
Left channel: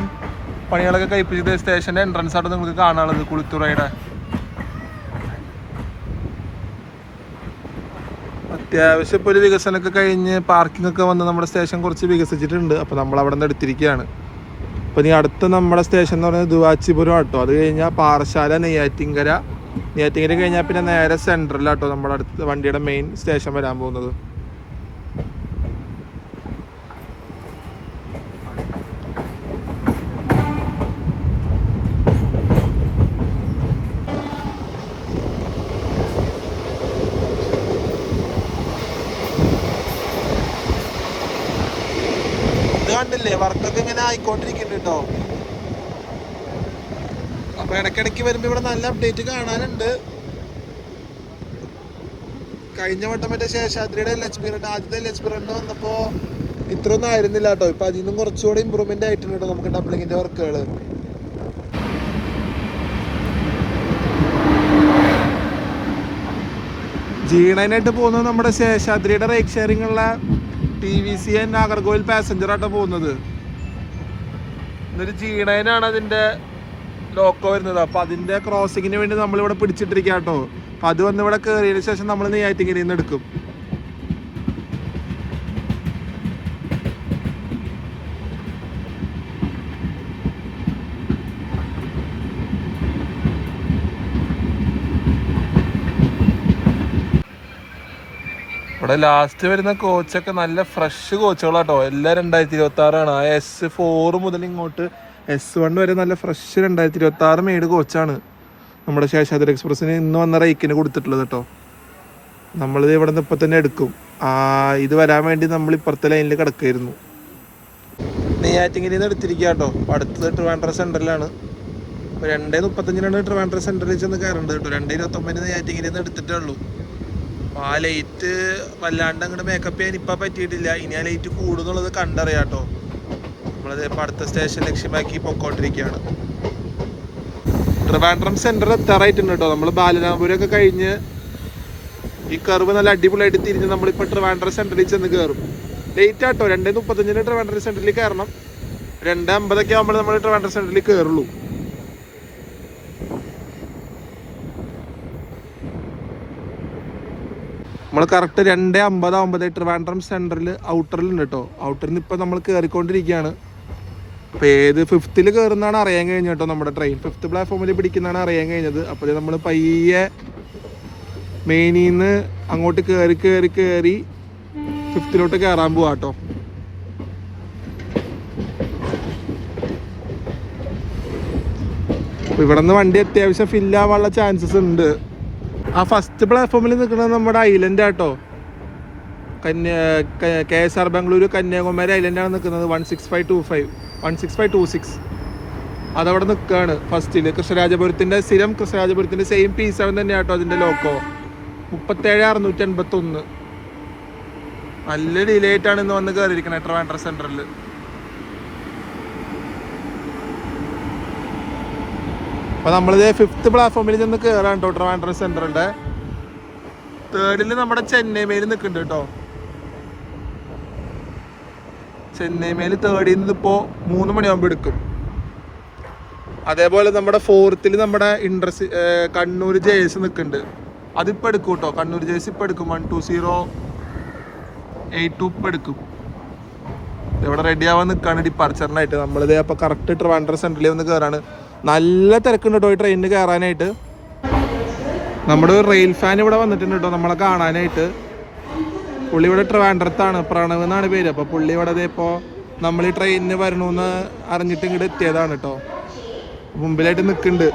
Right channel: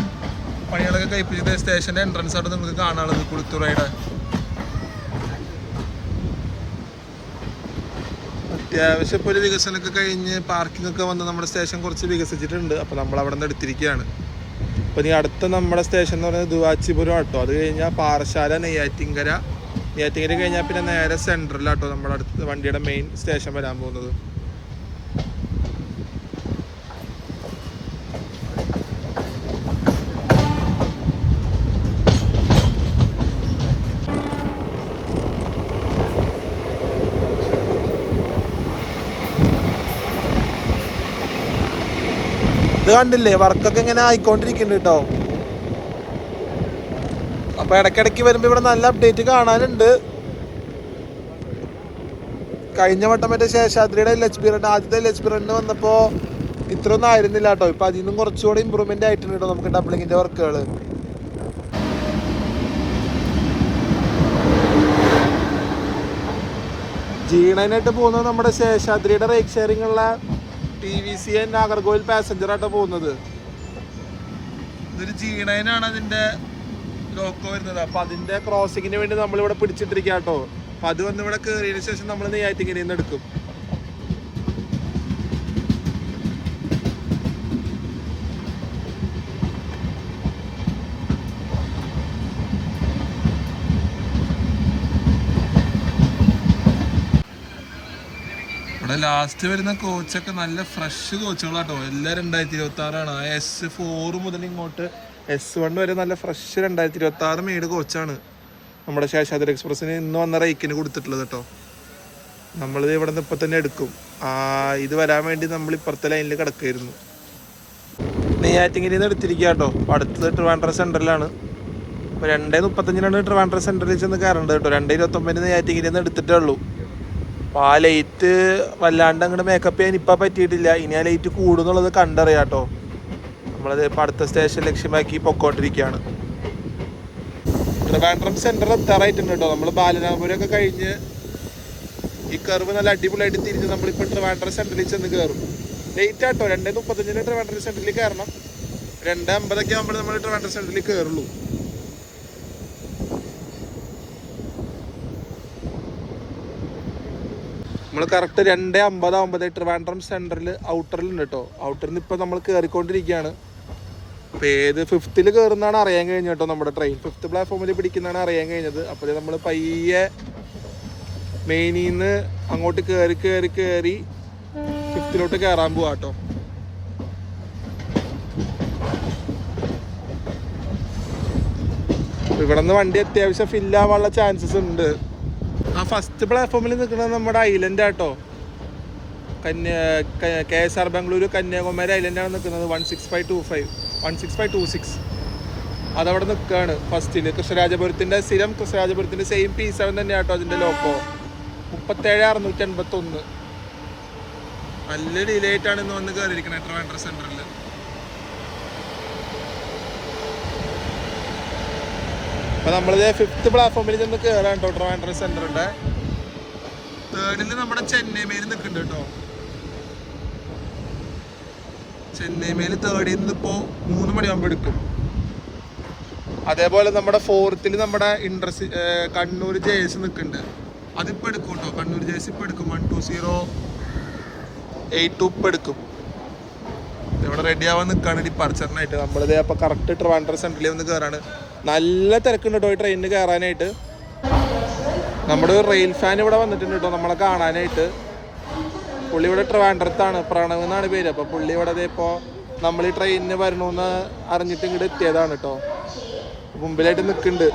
പണികളൊക്കെ കഴിപ്പിച്ചത് സ്റ്റേഷൻ്റെ എൻട്രൻസ് ആയിട്ട് നിങ്ങൾക്ക് കാണാനുള്ളത് കുളിത്തുറയുടെ. അത്യാവശ്യം ഇപ്പോൾ ഒരു വികസനമൊക്കെ കഴിഞ്ഞ് പാർക്കിംഗ് ഒക്കെ വന്ന് നമ്മുടെ സ്റ്റേഷൻ കുറച്ച് വികസിച്ചിട്ടുണ്ട്. അപ്പോൾ നമ്മൾ അവിടെ നിന്ന് എടുത്തിരിക്കുകയാണ്. അപ്പോൾ ഇനി അടുത്ത നമ്മുടെ സ്റ്റേഷൻ എന്ന് പറയുന്നത് ദുവാച്ചിപുരം ആട്ടോ. അത് കഴിഞ്ഞാൽ പാറശാല, നെയ്യാറ്റിൻകര കഴിഞ്ഞാൽ പിന്നെ നേരെ സെൻട്രലാട്ടോ നമ്മുടെ അടുത്ത വണ്ടിയുടെ മെയിൻ സ്റ്റേഷൻ വരാൻ പോകുന്നത്. കണ്ടില്ലേ, വർക്കൊക്കെ ഇങ്ങനെ ആയിക്കൊണ്ടിരിക്കുന്നുണ്ട് കേട്ടോ. അപ്പൊ ഇടയ്ക്കിടയ്ക്ക് വരുമ്പോ ഇവിടെ നല്ല അപ്ഡേറ്റ് കാണാനുണ്ട്. കഴിഞ്ഞ വട്ടം മറ്റേ ശേഷാദ്രിയുടെ ആദ്യത്തെ ലക്ഷ്മിറണ്ട് വന്നപ്പോ ഇത്രയൊന്നും ആയിരുന്നില്ല കേട്ടോ. ഇപ്പൊ അതിൽ നിന്നും കുറച്ചുകൂടി ഇമ്പ്രൂവ്മെന്റ് ആയിട്ടുണ്ട് കേട്ടോ നമുക്ക് ഡബ്ലിങ്ങിന്റെ വർക്കുകള്. ജീണനായിട്ട് പോകുന്നത് നമ്മുടെ ശേഷാദ്രിയുടെ റേക്ക് ഷെയറിംഗ് ഉള്ള TVC ആൻഡ് നാഗർകോവിൽ പാസഞ്ചർ ആട്ടോ പോകുന്നത്. ഇതൊരു G9 അതിന്റെ ലോക്കോ വരുന്നത്. അപ്പൊ അതിന്റെ ക്രോസിങ്ങിന് വേണ്ടി നമ്മളിവിടെ പിടിച്ചിട്ടിരിക്കുക കേട്ടോ. അപ്പൊ അത് വന്ന് ഇവിടെ കയറിയതിനു ശേഷം നമ്മൾ നെയ്യാറ്റിൻകരയിൽ നിന്ന് എടുക്കും. ഇവിടെ ലാസ്റ്റ് വരുന്ന കോച്ചൊക്കെ നല്ല ഫ്രഷ് കോച്ചുകളാട്ടോ. എല്ലാം 2026 ആ S4 മുതൽ ഇങ്ങോട്ട് S1 വരെ നല്ല ഫ്രഷ് 2026 മെയ്ഡ് കോച്ചാണ് നമ്മുടെ ശേഷാദ്രി എക്സ്പ്രസ്സിന് ഇന്ന് വന്ന റേക്കിന് കൊടുത്തിട്ടുള്ളത് കേട്ടോ. നമ്മളിത് ഇവിടെ നിന്ന് ഇപ്പം തന്നെ എടുക്കും. ഇത് വരാൻ വേണ്ടി നമ്മൾ ഇപ്പുറത്തെ ലൈനിൽ കിടക്കായിരുന്നു. നെയ്യാറ്റിൻകരയിൽ നിന്ന് എടുത്തിരിക്കുക കേട്ടോ. അപ്പോൾ അടുത്തത് ട്രിവാൻഡ്രം സെൻട്രലാണ്. അപ്പോൾ 2:35 ട്രിവാൻഡ്രം സെൻട്രലിൽ ചെന്ന് കയറേണ്ടത് കേട്ടോ. 2:29 നെയ്യാറ്റിൻകരയിൽ നിന്ന് എടുത്തിട്ടേ ഉള്ളൂ. അപ്പോൾ ആ ലൈറ്റ് വല്ലാണ്ട് അങ്ങോട്ട് മേക്കപ്പ് ചെയ്യാൻ ഇപ്പം പറ്റിയിട്ടില്ല. ഇനി ആ ലൈറ്റ് കൂടുന്നുള്ളത് കണ്ടറിയാം കേട്ടോ. നമ്മളത് ഇപ്പം അടുത്ത സ്റ്റേഷൻ ലക്ഷ്യമാക്കി പൊക്കോണ്ടിരിക്കുകയാണ്. ട്രിവാൻഡ്രം സെൻട്രൽ എത്താറായിട്ടുണ്ട് കേട്ടോ. നമ്മൾ ബാലരാമപുരമൊക്കെ കഴിഞ്ഞ് ഈ കർവ് നല്ല അടിപൊളിയായിട്ട് തിരിഞ്ഞ് നമ്മളിപ്പോൾ ട്രിവാൻഡ്രം സെൻട്രലിൽ ചെന്ന് കയറും. ലേറ്റ് ആട്ടോ. 2:35 ട്രിവാൻഡ്രം സെൻട്രലിൽ കയറണം. 2:50 ആകുമ്പോൾ നമ്മൾ ട്രിവാൻഡ്രം സെൻട്രലിൽ കയറുള്ളൂ. നമ്മൾ കറക്റ്റ് 2:50 ആകുമ്പോൾ ട്രിവാൻഡ്രം സെൻട്രൽ ഔട്ടറിലുണ്ട് കേട്ടോ. ഔട്ടറിൽ നിന്ന് ഇപ്പോൾ നമ്മൾ കയറിക്കൊണ്ടിരിക്കുകയാണ്. അപ്പോൾ ഏത് 5th കയറുന്നതാണ് അറിയാൻ കഴിഞ്ഞത് കേട്ടോ. നമ്മുടെ ട്രെയിൻ 5th പ്ലാറ്റ്ഫോമിൽ പിടിക്കുന്നതാണ് അറിയാൻ കഴിഞ്ഞത്. അപ്പോൾ നമ്മൾ പയ്യെ മെയിനിൽ നിന്ന് അങ്ങോട്ട് കയറി 5th കയറാൻ പോവാ കേട്ടോ. ഇവിടെ നിന്ന് വണ്ടി അത്യാവശ്യം ഫില്ലാവാനുള്ള ചാൻസസ് ഉണ്ട്. ആ ഫസ്റ്റ് പ്ലാറ്റ്ഫോമിൽ നിൽക്കുന്നത് നമ്മുടെ ഐലൻഡ് ആട്ടോ. KSR ബാംഗ്ലൂർ കന്യാകുമാരി ഐലൻഡാണ് നിൽക്കുന്നത്. 16525 16526 അതവിടെ നിൽക്കുകയാണ് ഫസ്റ്റില്. കൃഷ്ണരാജപുരത്തിന്റെ സ്ഥിരം കൃഷ്ണരാജപുരത്തിന്റെ സെയിം പീസാണ് തന്നെ കേട്ടോ അതിന്റെ ലോക്കോ. 37,681. നല്ല ഡിലേ ആയിട്ടാണ് ഇന്ന് വന്ന് കയറിയിരിക്കണേ ട്രിവാൻഡ്രം സെന്ററിൽ. അപ്പൊ നമ്മളിത് 5th പ്ലാറ്റ്ഫോമിൽ നിന്ന് കയറാൻ കേട്ടോ ട്രിവാൻഡ്രം സെന്ററിന്റെ. 3rd നമ്മുടെ ചെന്നൈ മെയിൽ നിൽക്കുന്നുണ്ട് കേട്ടോ. ചെന്നൈ മെയിൽ 3rd ഇപ്പോ 3 മണിയാകുമ്പോൾ എടുക്കും. അതേപോലെ നമ്മുടെ 4th നമ്മുടെ കണ്ണൂർ ജേഴ്സി നിൽക്കുന്നുണ്ട്. അതിപ്പോൾ എടുക്കും കേട്ടോ. കണ്ണൂർ ജേഴ്സി ഇപ്പം എടുക്കും. 12082 ഇപ്പം എടുക്കും. ഇവിടെ റെഡി ആവാൻ നിൽക്കുകയാണ് ഡിപ്പാർച്ചറിനായിട്ട്. നമ്മളിത് അപ്പോൾ കറക്റ്റ് ട്രിവാൻഡ്രം സെൻട്രലിൽ വന്ന് കയറാണ്. നല്ല തിരക്കുണ്ട് കേട്ടോ ഈ ട്രെയിനിന് കയറാനായിട്ട്. നമ്മുടെ റെയിൽ ഫാൻ ഇവിടെ വന്നിട്ടുണ്ട് കേട്ടോ നമ്മളെ കാണാനായിട്ട്. പുള്ളി ഇവിടെ ട്രിവാൻഡ്രത്താണ്, പ്രണവ് എന്നാണ് പേര്. അപ്പോൾ പുള്ളി ഇവിടെ ഇപ്പോൾ നമ്മൾ ഈ ട്രെയിനിന് വരണമെന്ന് അറിഞ്ഞിട്ട് ഇങ്ങോട്ട് എത്തിയതാണ് കേട്ടോ. മുമ്പിലായിട്ട് നിൽക്കുന്നുണ്ട്.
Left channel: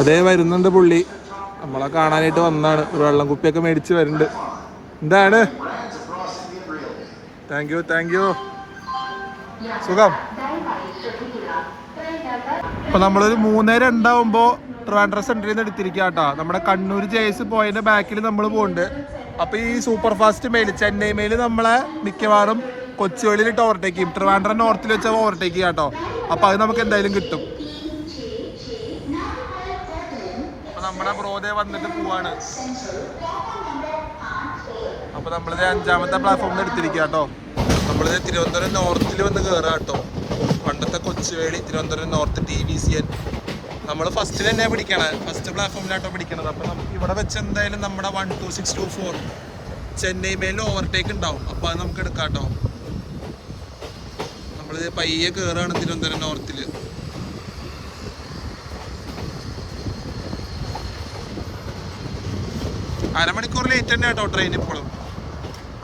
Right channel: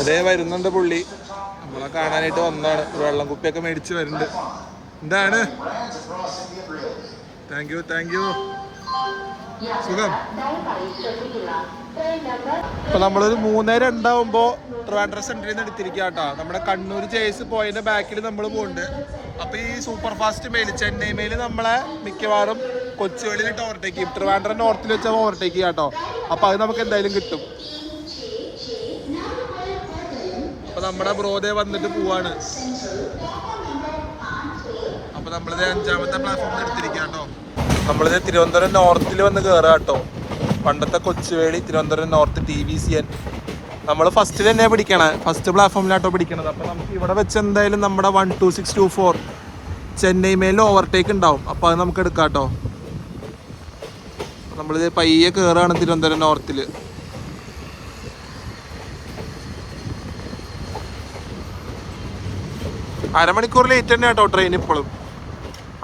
അതേ വരുന്നുണ്ട് പുള്ളി. നമ്മളെ കാണാനായിട്ട് വന്നതാണ്. ഒരു വെള്ളം കുപ്പിയൊക്കെ മേടിച്ച് വരുന്നുണ്ട്. എന്താണ്? Thank you. സുഖം. അപ്പൊ നമ്മളൊരു 3:02 ട്രിവാൻഡ്രം സെന്ററിൽ നിന്ന് എടുത്തിരിക്കുക കേട്ടോ. നമ്മുടെ കണ്ണൂർ ജേഴ്സി പോയതിന്റെ ബാക്കിൽ നമ്മൾ പോകുന്നുണ്ട്. അപ്പൊ ഈ super fast mail Chennai mail നമ്മളെ മിക്കവാറും കൊച്ചുവേളിയിലിട്ട് ഓവർടേക്ക് ചെയ്യും. ട്രിവാൻഡ്രം നോർത്തിൽ വെച്ചാൽ ഓവർടേക്ക് ചെയ്യാം കേട്ടോ. അപ്പൊ അത് നമുക്ക് എന്തായാലും കിട്ടും. അപ്പൊ നമ്മുടെ ബ്രോദേ വന്നിട്ട് പോവാണ്. അപ്പൊ നമ്മളിത് 5ാമത്തെ പ്ലാറ്റ്ഫോമിൽ എടുത്തിരിക്കുക കേട്ടോ. നമ്മളിത് തിരുവനന്തപുരം നോർത്തിൽ വന്ന് കയറുക കേട്ടോ. പണ്ടത്തെ കൊച്ചുവേളി തിരുവനന്തപുരം നോർത്ത് TVCN. നമ്മൾ ഫസ്റ്റിൽ തന്നെ പിടിക്കണേ, ഫസ്റ്റ് പ്ലാറ്റ്ഫോമിലാട്ടോ പിടിക്കണത്. അപ്പോൾ നമുക്ക് ഇവിടെ വെച്ച് എന്തായാലും നമ്മുടെ 12624 ചെന്നൈ മേലിൽ ഓവർടേക്ക് ഉണ്ടാവും. അപ്പോൾ അത് നമുക്ക് എടുക്കാം കേട്ടോ. നമ്മളിത് പയ്യെ കയറുകയാണ് തിരുവനന്തപുരം നോർത്തിൽ. അരമണിക്കൂർ ലേറ്റ് തന്നെ കേട്ടോ ട്രെയിൻ ഇപ്പോഴും.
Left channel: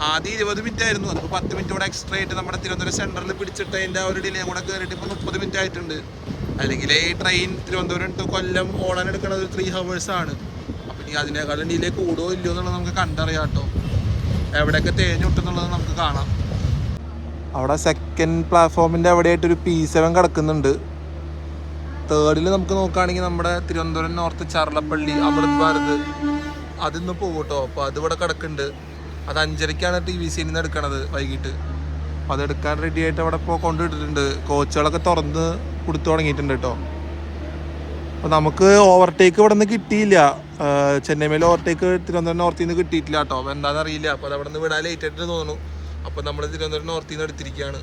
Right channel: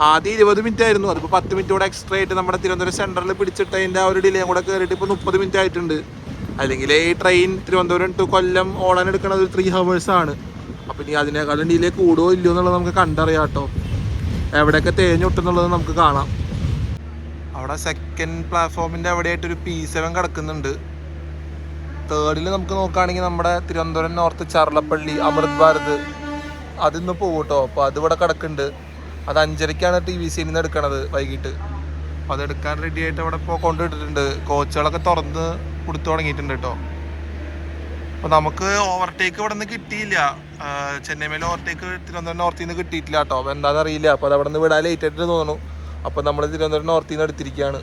ആദ്യം 20 മിനിറ്റ് ആയിരുന്നു. അതിപ്പോൾ 10 മിനിറ്റ് കൂടെ എക്സ്ട്രാ ആയിട്ട് നമ്മുടെ തിരുവനന്തപുരം സെൻറ്ററിൽ പിടിച്ചിട്ട് അതിൻ്റെ ആ ഒരു ഡിലേയും കൂടെ കയറിയിട്ട് ഇപ്പോൾ 30 മിനിറ്റ് ആയിട്ടുണ്ട്. അല്ലെങ്കിൽ ഈ ട്രെയിൻ തിരുവനന്തപുരം ടു കൊല്ലം ഓടാൻ എടുക്കുന്നത് 3 hours ആണ്. അപ്പോൾ ഇനി അതിനേക്കാളും ഡിലേ കൂടുമോ ഇല്ലയോ എന്നുള്ളത് നമുക്ക് കണ്ടറിയാം കേട്ടോ. എവിടെയൊക്കെ തേഞ്ഞൊട്ടുന്നുള്ളത് നമുക്ക് കാണാം. അവിടെ 2nd പ്ലാറ്റ്ഫോമിൻ്റെ അവിടെയായിട്ടൊരു P7 കിടക്കുന്നുണ്ട്. 3rd നമുക്ക് നോക്കുകയാണെങ്കിൽ നമ്മുടെ തിരുവനന്തപുരം നോർത്ത് ചർലപ്പള്ളി അമൃത് ഭാരത് അതിന്ന് പോകും കേട്ടോ. അപ്പോൾ അതിവിടെ കിടക്കുന്നുണ്ട്. അത് 5:30ക്കാണ് TVCN എടുക്കണത് വൈകിട്ട്. അപ്പോൾ അതെടുക്കാൻ റെഡി ആയിട്ട് അവിടെ ഇപ്പോൾ കൊണ്ടുവിട്ടിട്ടുണ്ട്. കോച്ചുകളൊക്കെ തുറന്ന് കൊടുത്തു തുടങ്ങിയിട്ടുണ്ട് കേട്ടോ. അപ്പോൾ നമുക്ക് ഓവർടേക്ക് ഇവിടെ നിന്ന് കിട്ടിയില്ല. ചെന്നൈ മേലെ ഓവർടേക്ക് തിരുവനന്തപുരം നോർത്തിൽ നിന്ന് കിട്ടിയിട്ടില്ല കേട്ടോ. അപ്പോൾ എന്താണെന്ന് അറിയില്ല. അപ്പോൾ അത് അവിടെ നിന്ന് വിടാൻ ലേറ്റ് ആയിട്ട് തോന്നുന്നു. അപ്പോൾ നമ്മൾ തിരുവനന്തപുരം നോർത്തിൽ നിന്ന് എടുത്തിരിക്കുകയാണ്.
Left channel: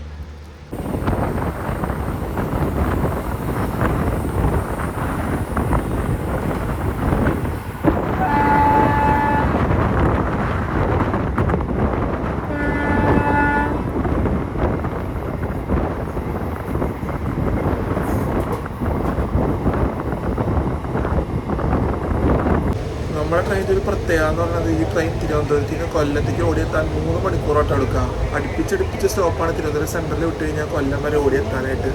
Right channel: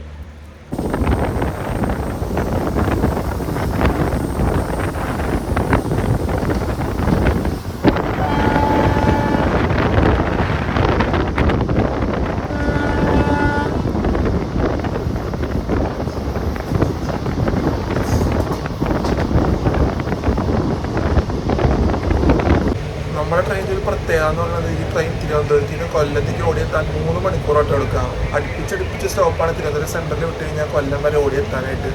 നമ്മുടെ ട്രെയിനിൻ്റെ ഒരു പ്രത്യേകത എന്ന് പറയുന്നത് ഈ ട്രെയിൻ തിരുവനന്തപുരത്തിന് കൊല്ലത്തേക്ക് ഓടിയെത്താൻ 3 മണിക്കൂറായിട്ട് എടുക്കാം. അടുപ്പിച്ചടുപ്പിച്ച് സ്റ്റോപ്പാണ്. തിരുവനന്തപുരം സെൻറ്ററിൽ വിട്ട് കഴിഞ്ഞാൽ കൊല്ലം വരെ ഓടിയെത്താനായിട്ട്.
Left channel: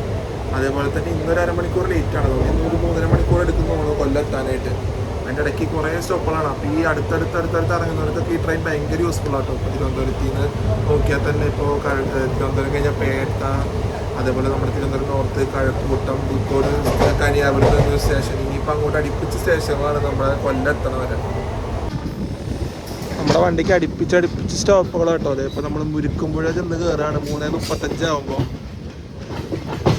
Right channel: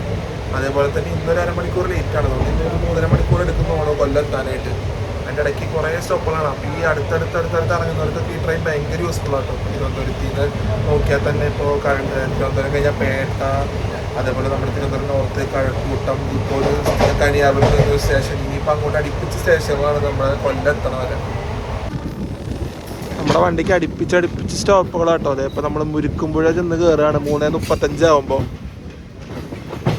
അതേപോലെ തന്നെ ഇന്നൊരു അരമണിക്കൂർ ലേറ്റാണ്. അതുകൊണ്ട് ഇന്നൊരു 3.5 മണിക്കൂർ എടുക്കുന്നതാണ് കൊല്ലം എത്താനായിട്ട്. അതിൻ്റെ ഇടയ്ക്ക് കുറേ സ്റ്റോപ്പുകളാണ്. അപ്പോൾ ഈ അടുത്തടുത്ത് ഇറങ്ങുന്നവർക്കൊക്കെ ഈ ട്രെയിൻ ഭയങ്കര യൂസ്ഫുൾ ആട്ടോ. ഇപ്പോൾ തിരുവനന്തപുരത്തിൽ നിന്ന് നോക്കിയാൽ തന്നെ ഇപ്പോൾ തിരുവനന്തപുരം കഴിഞ്ഞാൽ പേട്ട, അതേപോലെ നമ്മുടെ തിരുവനന്തപുരം നോർത്ത് കഴക്കൂട്ടം, ഇപ്പോൾ കനിയാപുരം സ്റ്റേഷൻ, ഇനിയിപ്പോൾ അങ്ങോട്ട് അടുപ്പിച്ച സ്റ്റേഷനുകളാണ് നമ്മുടെ കൊല്ലം എത്തണവരെ. നമ്മുടെ വണ്ടിക്ക് അടുപ്പിച്ച് സ്റ്റോപ്പുകളാട്ടോ. അതെ ഇപ്പോൾ നമ്മൾ മുരിക്കുമ്പുഴ ചെന്ന് കയറുകയാണ് 3:35 ആകുമ്പോൾ.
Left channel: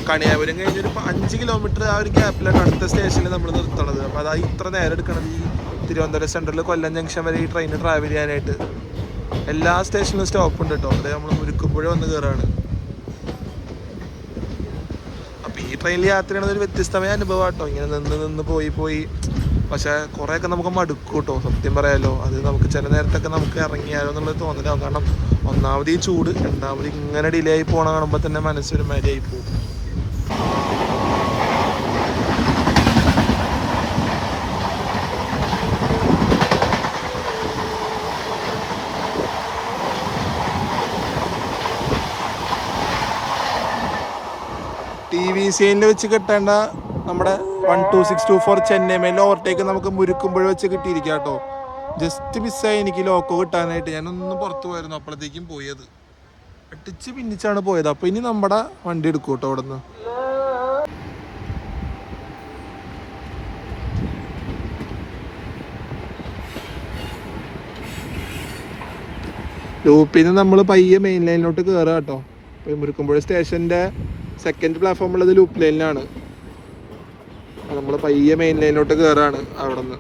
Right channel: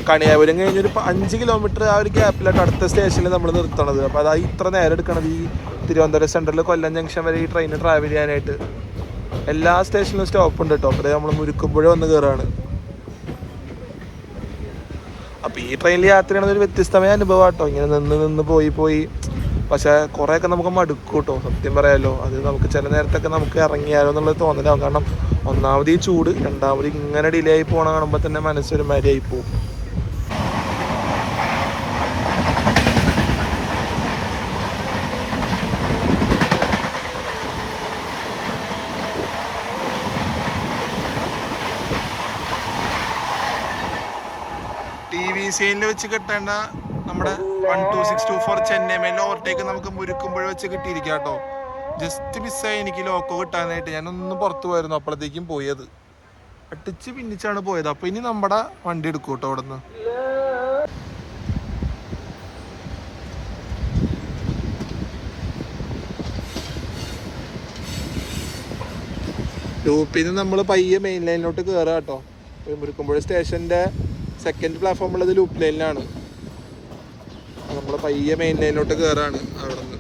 കണിയാപുരം കഴിഞ്ഞൊരു 5 കിലോമീറ്റർ ആ ഒരു ഗ്യാപ്പിലായിട്ട് അടുത്ത സ്റ്റേഷനിൽ നമ്മൾ നിർത്തണത്. അപ്പോൾ അതായി ഇത്ര നേരം എടുക്കണത് ഈ തിരുവനന്തപുരം സെൻറ്ററിൽ കൊല്ലം ജംഗ്ഷൻ വരെ ഈ ട്രെയിൻ ട്രാവൽ ചെയ്യാനായിട്ട്. എല്ലാ സ്റ്റേഷനിലും സ്റ്റോപ്പ് ഉണ്ട് കേട്ടോ. അപ്പോൾ നമ്മൾ മുരിക്കുമ്പുഴ വന്ന് കയറുകയാണ്. അപ്പോൾ ഈ ട്രെയിനിൽ യാത്ര ചെയ്യണത് ഒരു വ്യത്യസ്തമായ അനുഭവം കേട്ടോ. ഇങ്ങനെ നിന്ന് പോയി പക്ഷേ കുറേയൊക്കെ നമുക്ക് മടുക്കും കേട്ടോ, സത്യം പറയാമല്ലോ. അത് നമുക്ക് ചില നേരത്തൊക്കെ നമുക്ക് ഇറങ്ങിയാലോ എന്നുള്ളത് തോന്നലാവും. കാരണം ഒന്നാമത് ഈ ചൂട്, രണ്ടാമത് ഇങ്ങനെ ഡിലേ ആയി പോകണം കാണുമ്പോൾ തന്നെ മനസ്സൊരു മാതിരിയായി പോകും. TVCN വെച്ച് കിട്ടേണ്ട നമ്മുടെ 12624 ചെന്നൈ മേലെ ഓവർടേക്ക് നമുക്ക് മുരിക്കുമ്പോൾ വെച്ച് കിട്ടിയിരിക്കുക കേട്ടോ. ജസ്റ്റ് മിസ്സായി എനിക്ക് ലോക്കോ കിട്ടാനായിട്ട്. ഞാനൊന്ന് പുറത്ത് പോയിരുന്നു, അപ്പോഴത്തേക്കും പോയത്. അടിച്ച് പിന്നിച്ചാണ് പോയത്. അപ്പൊ ഇനി നമ്മുടെ വണ്ടി എടുക്കും കേട്ടോ അവിടെ നിന്ന്. ലൂപ്പിൽ നിന്ന് നമ്മൾ പയ്യെ മെയിൻ ലൈനിലോട്ട് കയറുക കേട്ടോ. മുരുക്കുമ്പുഴ സ്റ്റേഷൻ്റെ സെക്കൻഡ് പ്ലാറ്റ്ഫോം ഉള്ളത് ലൂപ്പ് ലൈനിലാണ്. നമ്മൾ പയ്യെ മെയിൻ ലൈനിലോട്ട് കയറാണ് അവിടെ നിന്ന്.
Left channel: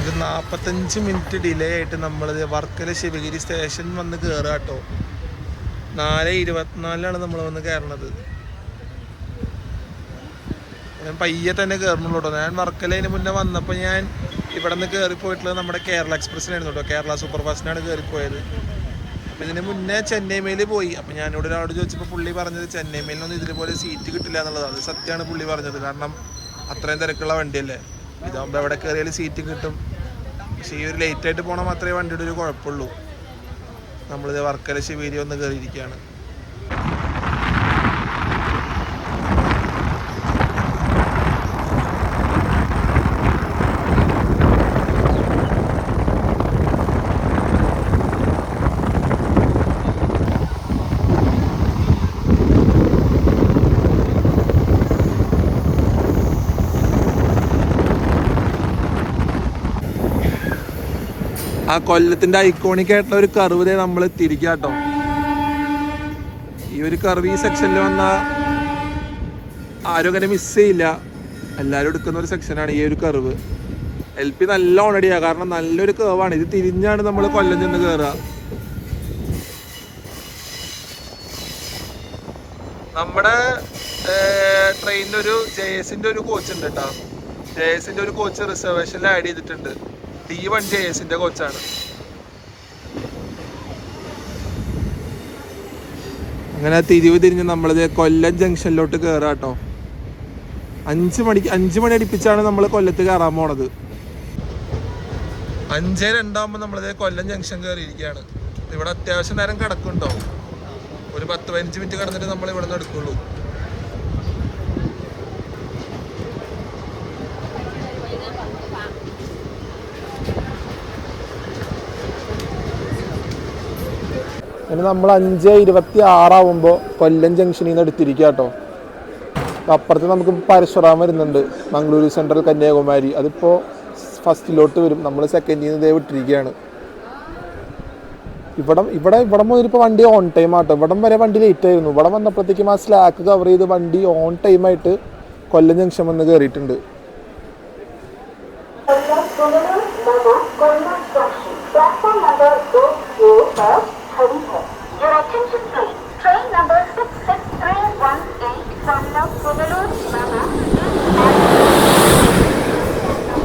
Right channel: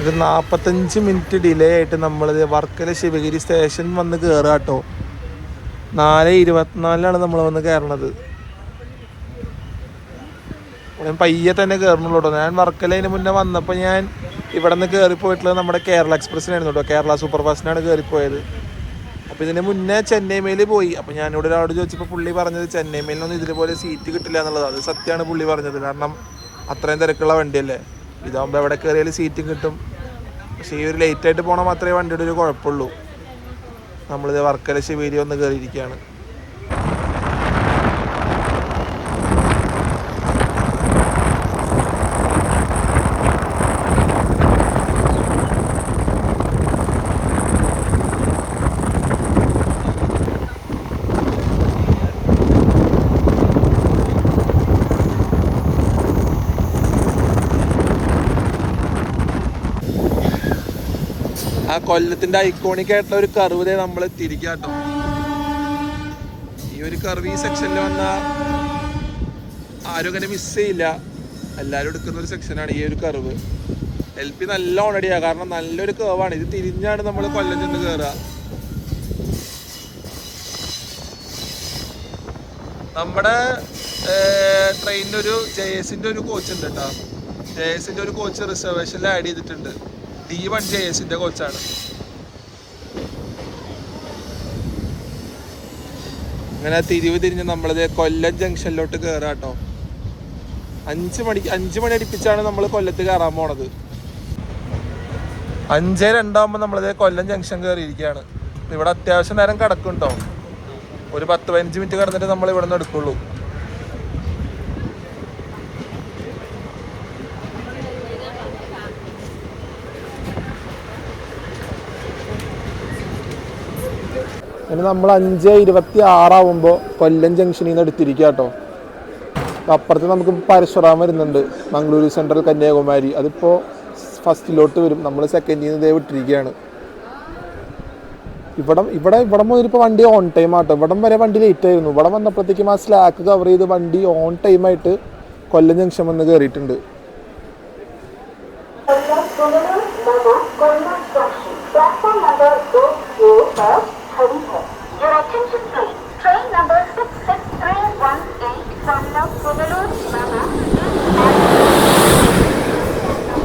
ഒരു 45 മിനിറ്റ് ഡിലേ ആയിട്ട് നമ്മളിത് വർക്കല ശിവഗിരി സ്റ്റേഷൻ വന്ന് കയറുക കേട്ടോ. 4:24 നമ്മൾ വന്ന് കയറണത്. ഞാൻ പയ്യെ തന്നെ കയറണുള്ളൂ കേട്ടോ. ഞാൻ വർക്കലതിന് മുന്നേ വന്നപ്പോൾ ഞാൻ ഇവിടെ നിന്ന് കയറിപ്പോയിട്ടുള്ളത് നമ്മുടെ കേരള എക്സ്പ്രസ്സിനായിരുന്നു കേട്ടോ. കേരള സൂപ്പർ ഫാസ്റ്റിനാണ് കയറിപ്പോയത്. അപ്പോൾ ഇതിന് മുന്നേ ചെന്നൈ മെയിൽ പോയി. അപ്പോൾ ഞാനിവിടെ ഒരാളോട് ചോദിച്ചപ്പോൾ പുള്ളി പറഞ്ഞത് ചെന്നൈ മെയിലൊന്നും ഇതുപോലെ സീറ്റ് കിട്ടില്ല എന്നുള്ളത്. അത് സത്യമാണ് പുള്ളി പറഞ്ഞത്. കാരണം അത്രയും തിരക്കുള്ള വണ്ടിയല്ലേ. ഇതാകുമ്പോൾ എവിടെ കയറിയാലും സീറ്റും കിട്ടും. പക്ഷേ ഈ ഒരു ലേറ്റായിട്ട് പോകണം മാത്രമേ വണ്ടിയുടെ ഒരു കുഴപ്പമുള്ളൂ. നമ്മളിത് വർക്കല ശിവേരി വന്ന് കയറിയിരിക്കുകയാണ്. കൊല്ലത്തിന്റെ ഐക്കോണിക് ആയിട്ടുള്ള ഒരു കർവ് നമ്മൾ തിരിക്കാട്ടോ. ഈ ഒരു കർവ് ഈ സെക്ഷനിൽ വന്ന ആരും അങ്ങനെ മിസ് ചെയ്യില്ല. എല്ലാവരും എടുക്കുന്ന ഒരു സെക്ഷനാണ് ഈ ഒരു കർവ്. LP നല്ല ഓണടിയാണ്. കാരണം നല്ലൊരു കർവാണ്. ഇത് തിരിഞ്ഞാണ് നമ്മൾ കൊല്ലം ചെന്ന് കയറുക. നമ്മുടെ ട്രെയിനിലൊരു JS-ന്റെ ഒരു കോച്ച് ഉണ്ട് കേട്ടോ. JS-ന്റെ ഒരു കോച്ച് റിസർവേഷനിൽ ആഡ് ചെയ്തിട്ടുണ്ട്. D1 JS-ന്റെ കോച്ചാണ്. അങ്ങനെ തിരിഞ്ഞ് നമ്മളിത് കൊല്ലം ജംഗ്ഷനിലോട്ട് കയറാം കേട്ടോ. 5 മണി അടുപ്പിച്ചാണ് നമ്മൾ കൊല്ലത്ത് കയറാൻ പോണത്. 5:02 നമ്മളിത് കൊല്ലം ജംഗ്ഷൻ കയറിയിരിക്കുകയാണ്. ഇവിടെ അത്യാവശ്യം നേരം കിടക്കും കേട്ടോ. ഒരു 10-15 മിനിറ്റ് കിടന്നിട്ട് നമ്മൾ ഇവിടെ നിന്ന് എടുക്കുള്ളൂ. അങ്ങനെ നമ്മൾ 5:26 കൊല്ലം ജംഗ്ഷനിൽ നിന്ന് എടുത്തിരിക്കുക കേട്ടോ. അപ്പുറത്ത് നമുക്ക് പരശുറാം വരുന്നുണ്ട്. മംഗളൂരു സെൻട്രൽ കന്യാകുമാരി. അതിപ്പോൾ ഫസ്റ്റിലോട്ട് വരും. നമ്മൾ സെക്കൻഡിൽ നിന്ന് ഇതേ വിട്ടിരിക്കുകയാണ്. ഇവിടെ മുതലിപ്പോൾ വണ്ടി ഓൺ ടൈം ആട്ടോ. ഇവിടം വരെ വണ്ടി ലേറ്റ് ആയിരുന്നു. ഇവിടെ വന്നപ്പോഴത്തേക്കും ആ സ്ലാക്ക് കവർ ചെയ്ത് വണ്ടി ഓൺ ടൈമായിട്ട് കൊല്ലം ജംഗ്ഷൻ വന്ന് കയറിയിട്ടുണ്ട്.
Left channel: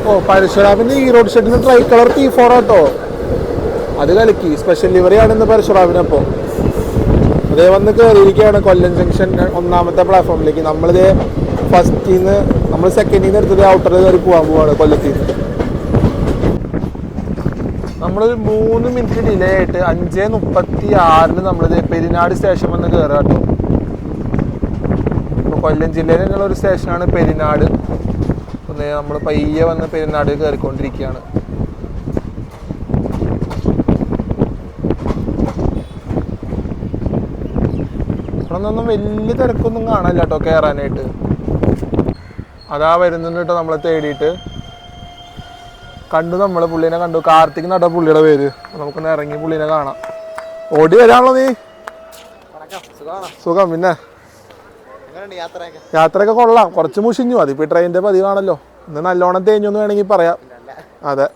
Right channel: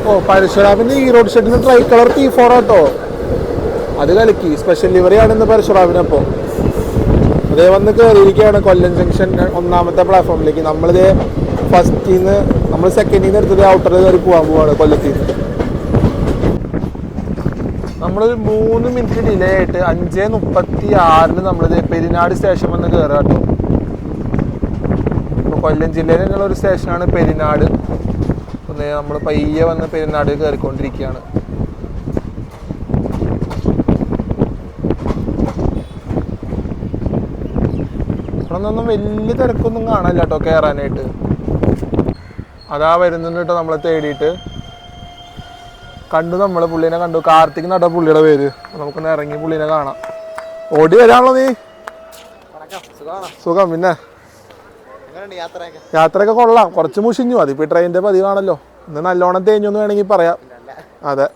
ഓ, പരശുറാമിന്റെ ഈ റോഡ് ഷെഡിന് ട്രൈ കളർ T4 ആട്ടോ. അത് കലക്കി. സ്പെഷ്യൽ ലിവറി ആണെന്ന് പരശുറാമിനപ്പോൾ. അതേ വന്ന് കയറിയിരിക്കുകയാണ് കൊല്ലം ജംഗ്ഷൻ 1ാമത്തെ പ്ലാറ്റ്ഫോമിലേക്ക്. നമ്മളിത് ഫസ്റ്റിൽ നിന്ന് നമ്മൾ സെക്കൻഡിൽ നിന്ന് എടുത്തത് ഔട്ടർ കയറി പോകാൻ പോവാണ് കൊല്ലത്തിൽ നിന്ന്. നമ്മളൊരു 3 മിനിറ്റ് ഡിലേ ആയിട്ട് 5:36 നമ്മളിത് പെരിനാട് സ്റ്റേഷൻ വന്ന് കയറുക കേട്ടോ. ഇപ്പോൾ കൊല്ലം ജില്ലയിൽ തന്നെയുള്ള ഒരു സ്റ്റേഷനാണ് പെരിനാട്. നമ്മൾ പയ്യെ വന്ന് പെരിനാട് കയറിക്കൊണ്ടിരിക്കുകയാണ്. ഇവിടെ നിന്നൊന്നും വലിയ തിരക്കൊന്നും കാണാനില്ല കേട്ടോ കയറാനായിട്ട്. അതാ വരുന്നുണ്ട് കേട്ടോ നമ്മളെ തേടിയിട്ട്. കണ്ടു, നമ്മളെ പുള്ളീനെ കണ്ടു. കാർത്തിക് നട്ടോ പുള്ളിയുടെ പേര്. നമുക്കൊന്ന് ഇറങ്ങി പുള്ളീനെ കാണാം. ഓടി വരാണല്ലോ നീ? സുഖം. പിന്നെ യാത്രയൊക്കെ കൊള്ളാം. കുറച്ച് മുഷിഞ്ഞു. അതിപ്പോ ട്രെയിനിന്റെ പതിവാണല്ലോ. ഇന്ന് നല്ലോണം തേഞ്ഞൊന്ന് വേണമെങ്കിൽ പറയാം. അതെ,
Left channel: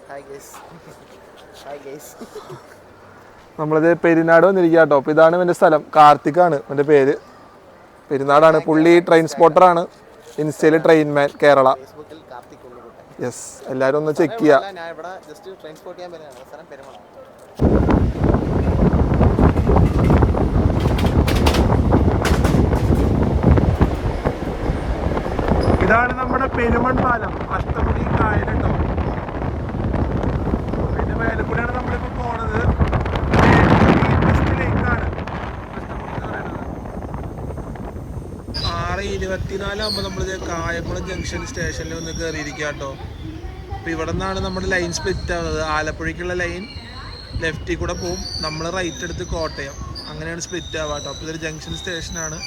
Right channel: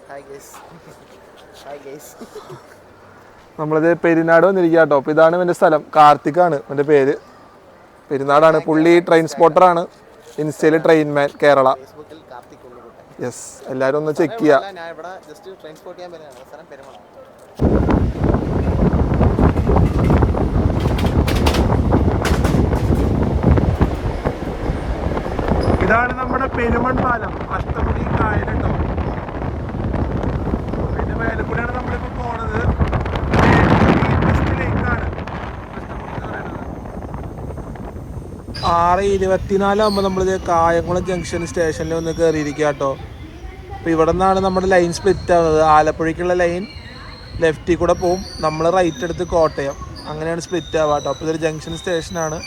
നമ്മളിത് പെരിനാട് വന്നിരിക്കുക കേട്ടോ. അപ്പൊ ഇതാണ് ഇവന്റെ സ്ഥലം. കാർത്തികാണ് ഇവന്റെ പേര്. പെരിനാടാണ്. പുള്ളി ട്രെയിൻ സ്പോട്ടറാണ്. ഇൻസ്റ്റയില് ട്രെയിൻമാൻ കേരള. യെസ്, എല്ലാരും ഒന്ന് ചെക്ക് ചെയ്യാം. ഇതാണ് നമ്മുടെ പെരുമൺ പാലം. അഷ്ടമുടി കായലുണ്ടോ. അതിന്റെ മേലെ കൂടെയാണ് നമ്മളിപ്പോ പോണത്. ലേക്കാണ് 6 6:24 നമ്മളിത് കായംകുളം ജംഗ്ഷൻ സ്റ്റേഷനിൽ ഒന്ന് കയറിയിരിക്കുക കേട്ടോ. അപ്പോൾ ഇവിടെ നിന്നാണ് നമ്മുടെ ലൈൻ സ്പ്ലിറ്റ് ആവുന്നത്. ആലപ്പുഴയ്ക്കുള്ള ലൈൻ ലെഫ്റ്റിൽ കൂടെ പോവും, നമ്മൾ റൈറ്റ് എടുത്ത് കോട്ടയം, അങ്ങനെയാണ് സ്പ്ലിറ്റ് ആവുക കേട്ടോ. അപ്പോൾ ഇതൊരു ജംഗ്ഷൻ സ്റ്റേഷനാണ്.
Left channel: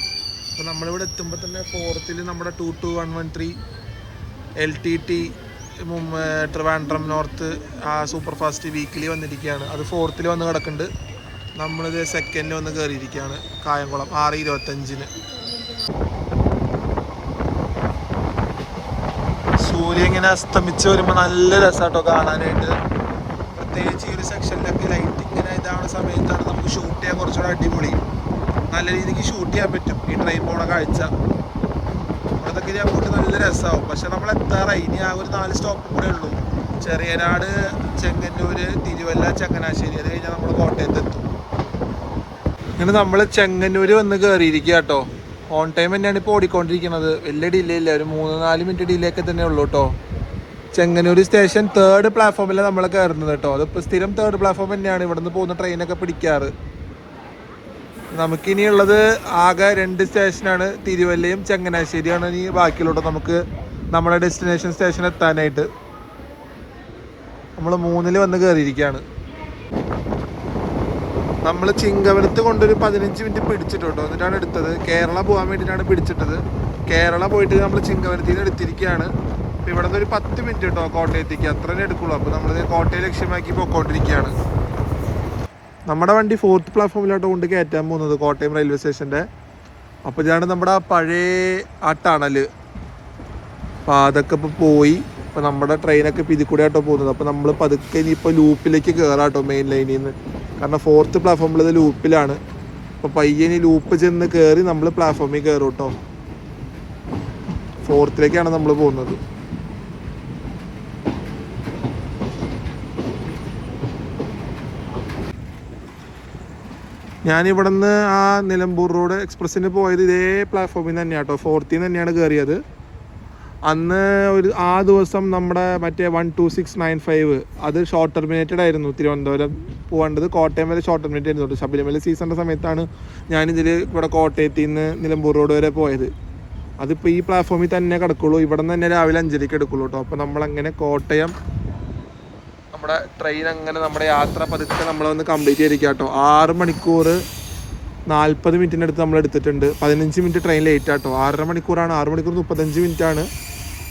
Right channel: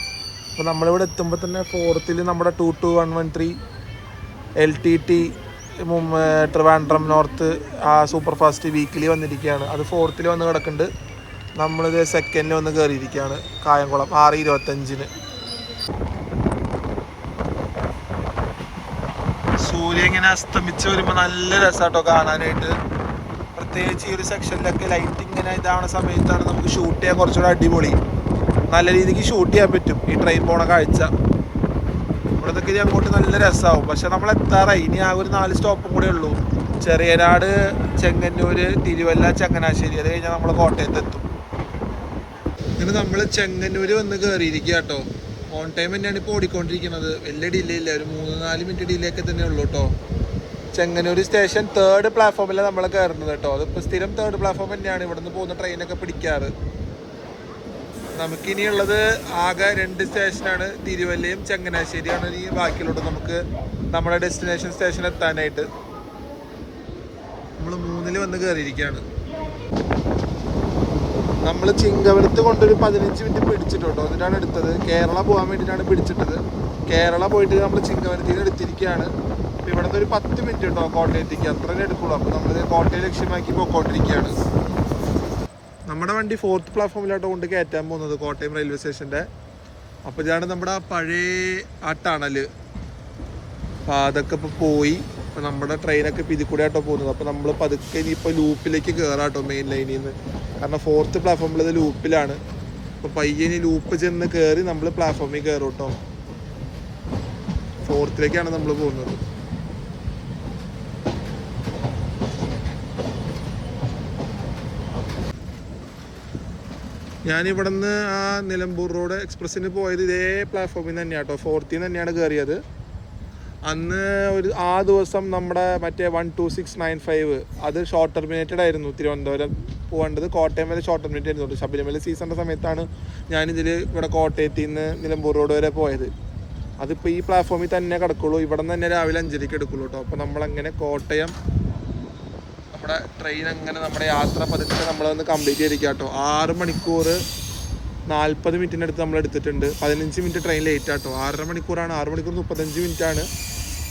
അപ്പോൾ നമ്മളിവിടെ എത്തുമ്പോൾ തന്നെ 4th നമ്മുടെ 22113 LTT ട്രിവാൻഡ്രം നോർത്ത് ആ സൂപ്പർ ഫാസ്റ്റ് വീക്കിലി വന്നിരിക്കുകയാണ്. അത് 4th വന്ന് കിടക്കുന്നുണ്ട്. നമ്മളിത് 2nd വന്ന് കയറിയിരിക്കുകയാണ് കായംകുളം 6:25. സൂര്യൻ ഇങ്ങനെ അസ്തമിച്ച് വരുമ്പോൾ നല്ല രസമാട്ടോ കാണാനായിട്ട്. പ്രത്യേകിച്ച് ഈ ഒരു സെക്ഷനിലൊക്കെ ലൈറ്റ് ഇങ്ങനെ ഇതാണ് സമയത്താണ് നമുക്ക് ഷൂട്ട് ചെയ്യാൻ കുറച്ചുകൂടെ അടിപൊളി. നല്ല രീതിക്ക് ഷൂട്ട് ചെയ്യാൻ പറ്റും ഈ ട്രെയിൻ പോണ കാഴ്ച. ഇവിടത്തൊക്കെ ഇനി അങ്ങോട്ട് നല്ല രസമാവും. പക്ഷെ നമ്മൾ എത്താറായി, ഇനി ആ ഒരു 4 സ്റ്റോപ്പും കൂടെ ഉള്ളൂ. ചെറിയനാട്, ചെങ്ങന്നൂർ, തിരുവല്ല, ചങ്ങനാശ്ശേരി. അത് കഴിഞ്ഞാൽ നമ്മൾ കോട്ടയത്ത് എത്തും. ഇങ്ങനെ നമ്മൾ ചെങ്ങന്നൂർ വന്ന് കയറിയിരിക്കുക കേട്ടോ. ഓൺ ടൈം തന്നെയാണ് ഇപ്പോൾ ഓടിക്കൊണ്ടിരിക്കുന്നത്. വലിയ ഡിലേ ഇല്ല, ഒരു 3-4 മിനിറ്റ് ഡിലേക്ക് തന്നെ ഉള്ളൂ കേട്ടോ. ചെങ്ങന്നൂർ സ്റ്റേഷൻ 3rd പ്ലാറ്റ്ഫോമിൽ നമ്മൾ കയറുന്നത് കേട്ടോ. അതിപ്പോൾ സ്ഥിരം 3rd പ്ലാറ്റ്ഫോം തന്നെയാണ് ഇവിടെ നിന്ന് പോകുന്ന ട്രെയിനൊക്കെ പിടിക്കാറ്. നമുക്കിനിയുള്ളത് ആകെ 2 സ്റ്റേഷനാണ്, തിരുവല്ലയും ചങ്ങനാശ്ശേരിയാണ് ഇനി ബാക്കിയുള്ളൂ നമുക്ക് നമ്മുടെ ഡെസ്റ്റിനേഷൻ സ്റ്റേഷൻ എത്താനായിട്ട്. നമ്മൾ 3ൽ വന്ന് കയറിയിരിക്കുകയാണ്. നമ്മൾ ചിങ്ങവലത്ത് കൊണ്ടൊരു 15 മിനിറ്റ് പിടിച്ചിട്ടുണ്ടോ, എന്നിട്ടാണ് എടുത്തത്. കേരള പോകാൻ വേണ്ടിയിട്ടാണ് പിടിച്ചിട്ടത്. കേരള പോയിട്ട് നമ്മൾ ചിങ്ങവലത്തിന് എടുത്തിരിക്കുകയാണ്. ഇവിടെ നിന്ന് ഒരു 10 മിനിറ്റ് കേട്ടോ കോട്ടയത്തേക്ക്, അത്ര എടുക്കുള്ളൂ. അപ്പോൾ നമ്മൾ കോട്ടയം ലക്ഷ്യമാക്കി പോയിക്കൊണ്ടിരിക്കുകയാണ്. നമ്മുടെ വണ്ടി 4th പ്ലാറ്റ്ഫോമിലോട്ട് കൊണ്ട് കയറ്റാൻ പോകുന്നത് കോട്ടയം റെയിൽവേ സ്റ്റേഷൻ്റെ. അപ്പോൾ ഇതാണ് നമ്മുടെ പഴയ ആ ടണൽ. അപ്പോൾ അതൊക്കെ ഇപ്പോൾ പോയി. അപ്പോൾ നമ്മുടെ ട്രെയിനൊക്കെ ഇപ്പോൾ ഇതിൽ കൂടെ ആട്ടോ പോകുന്നത്. അപ്പോൾ നമ്മൾ പതുക്കെ ഇനിയിപ്പോൾ ലൂപ്പിലേക്ക് കയറാട്ടോ, മെയിൻ ലൈനിൽ നിന്ന്. കാരണം 4th പ്ലാറ്റ്ഫോമിൽ ഇത് ലൂപ്പിലാണ്. അപ്പോൾ പയ്യനി ലൂപ്പ് ചെന്ന് കയറി നമ്മൾ പ്ലാറ്റ്ഫോമിൽ കയറും കേട്ടോ. 4th നമ്മൾ പോകുന്നത്. ഞാനിവിടെ നിന്ന് ആ നിലമ്പൂർ റോഡ് എക്സ്പ്രസ്സിന് പോയത് ഇതേ പ്ലാറ്റ്ഫോമിൽ നിന്ന് തന്നെയാണ് കേട്ടോ. 4th തന്നെയാണ് കയറിയത്. അന്ന് ആ ദിവസം നമ്മുടെ മറ്റേ 12695 അത് ഷോർട്ട് ടെർമിനേറ്റഡ് ആയിരുന്നു. തിരുവനന്തപുരം പോകേണ്ടത് കോട്ടയം വരെ ഷോർട്ട് ടെർമിനേറ്റ് ആയിരുന്നു. ശബരിമല സീസണിൻ്റെ സമയത്താണ് ഞാനിതിൽ ഇവിടെ കോട്ടയത്തിൽ നിന്ന് നിലമ്പൂർ റോഡ് വരെ പോയത്. അതിപ്പോൾ ഈ പ്ലാറ്റ്ഫോമിൽ തന്നെ കിടക്കുള്ളൂ. ഇവിടെ നിന്ന് തന്നെ രാവിലെ 5:30 എടുക്കുള്ളൂ കേട്ടോ. അപ്പോൾ നമ്മളങ്ങനെ കോട്ടയം നമ്മുടെ ട്രെയിൻ അങ്ങനെ നമ്മുടെ യാത്ര പതുക്കെ നമ്മളൊന്ന് കംപ്ലീറ്റ് ചെയ്തിരിക്കുക കേട്ടോ. 6 മണിക്കൂർ 40 മിനിറ്റിനടുത്ത് നമ്മൾ എടുത്തിട്ടുണ്ട്. 15 മിനിറ്റ് ട്രെയിൻ ലേറ്റ് ആട്ടോ. 6.5 മണിക്കൂറാണ്. 6 മണിക്കൂർ 35 മിനിറ്റാണ്.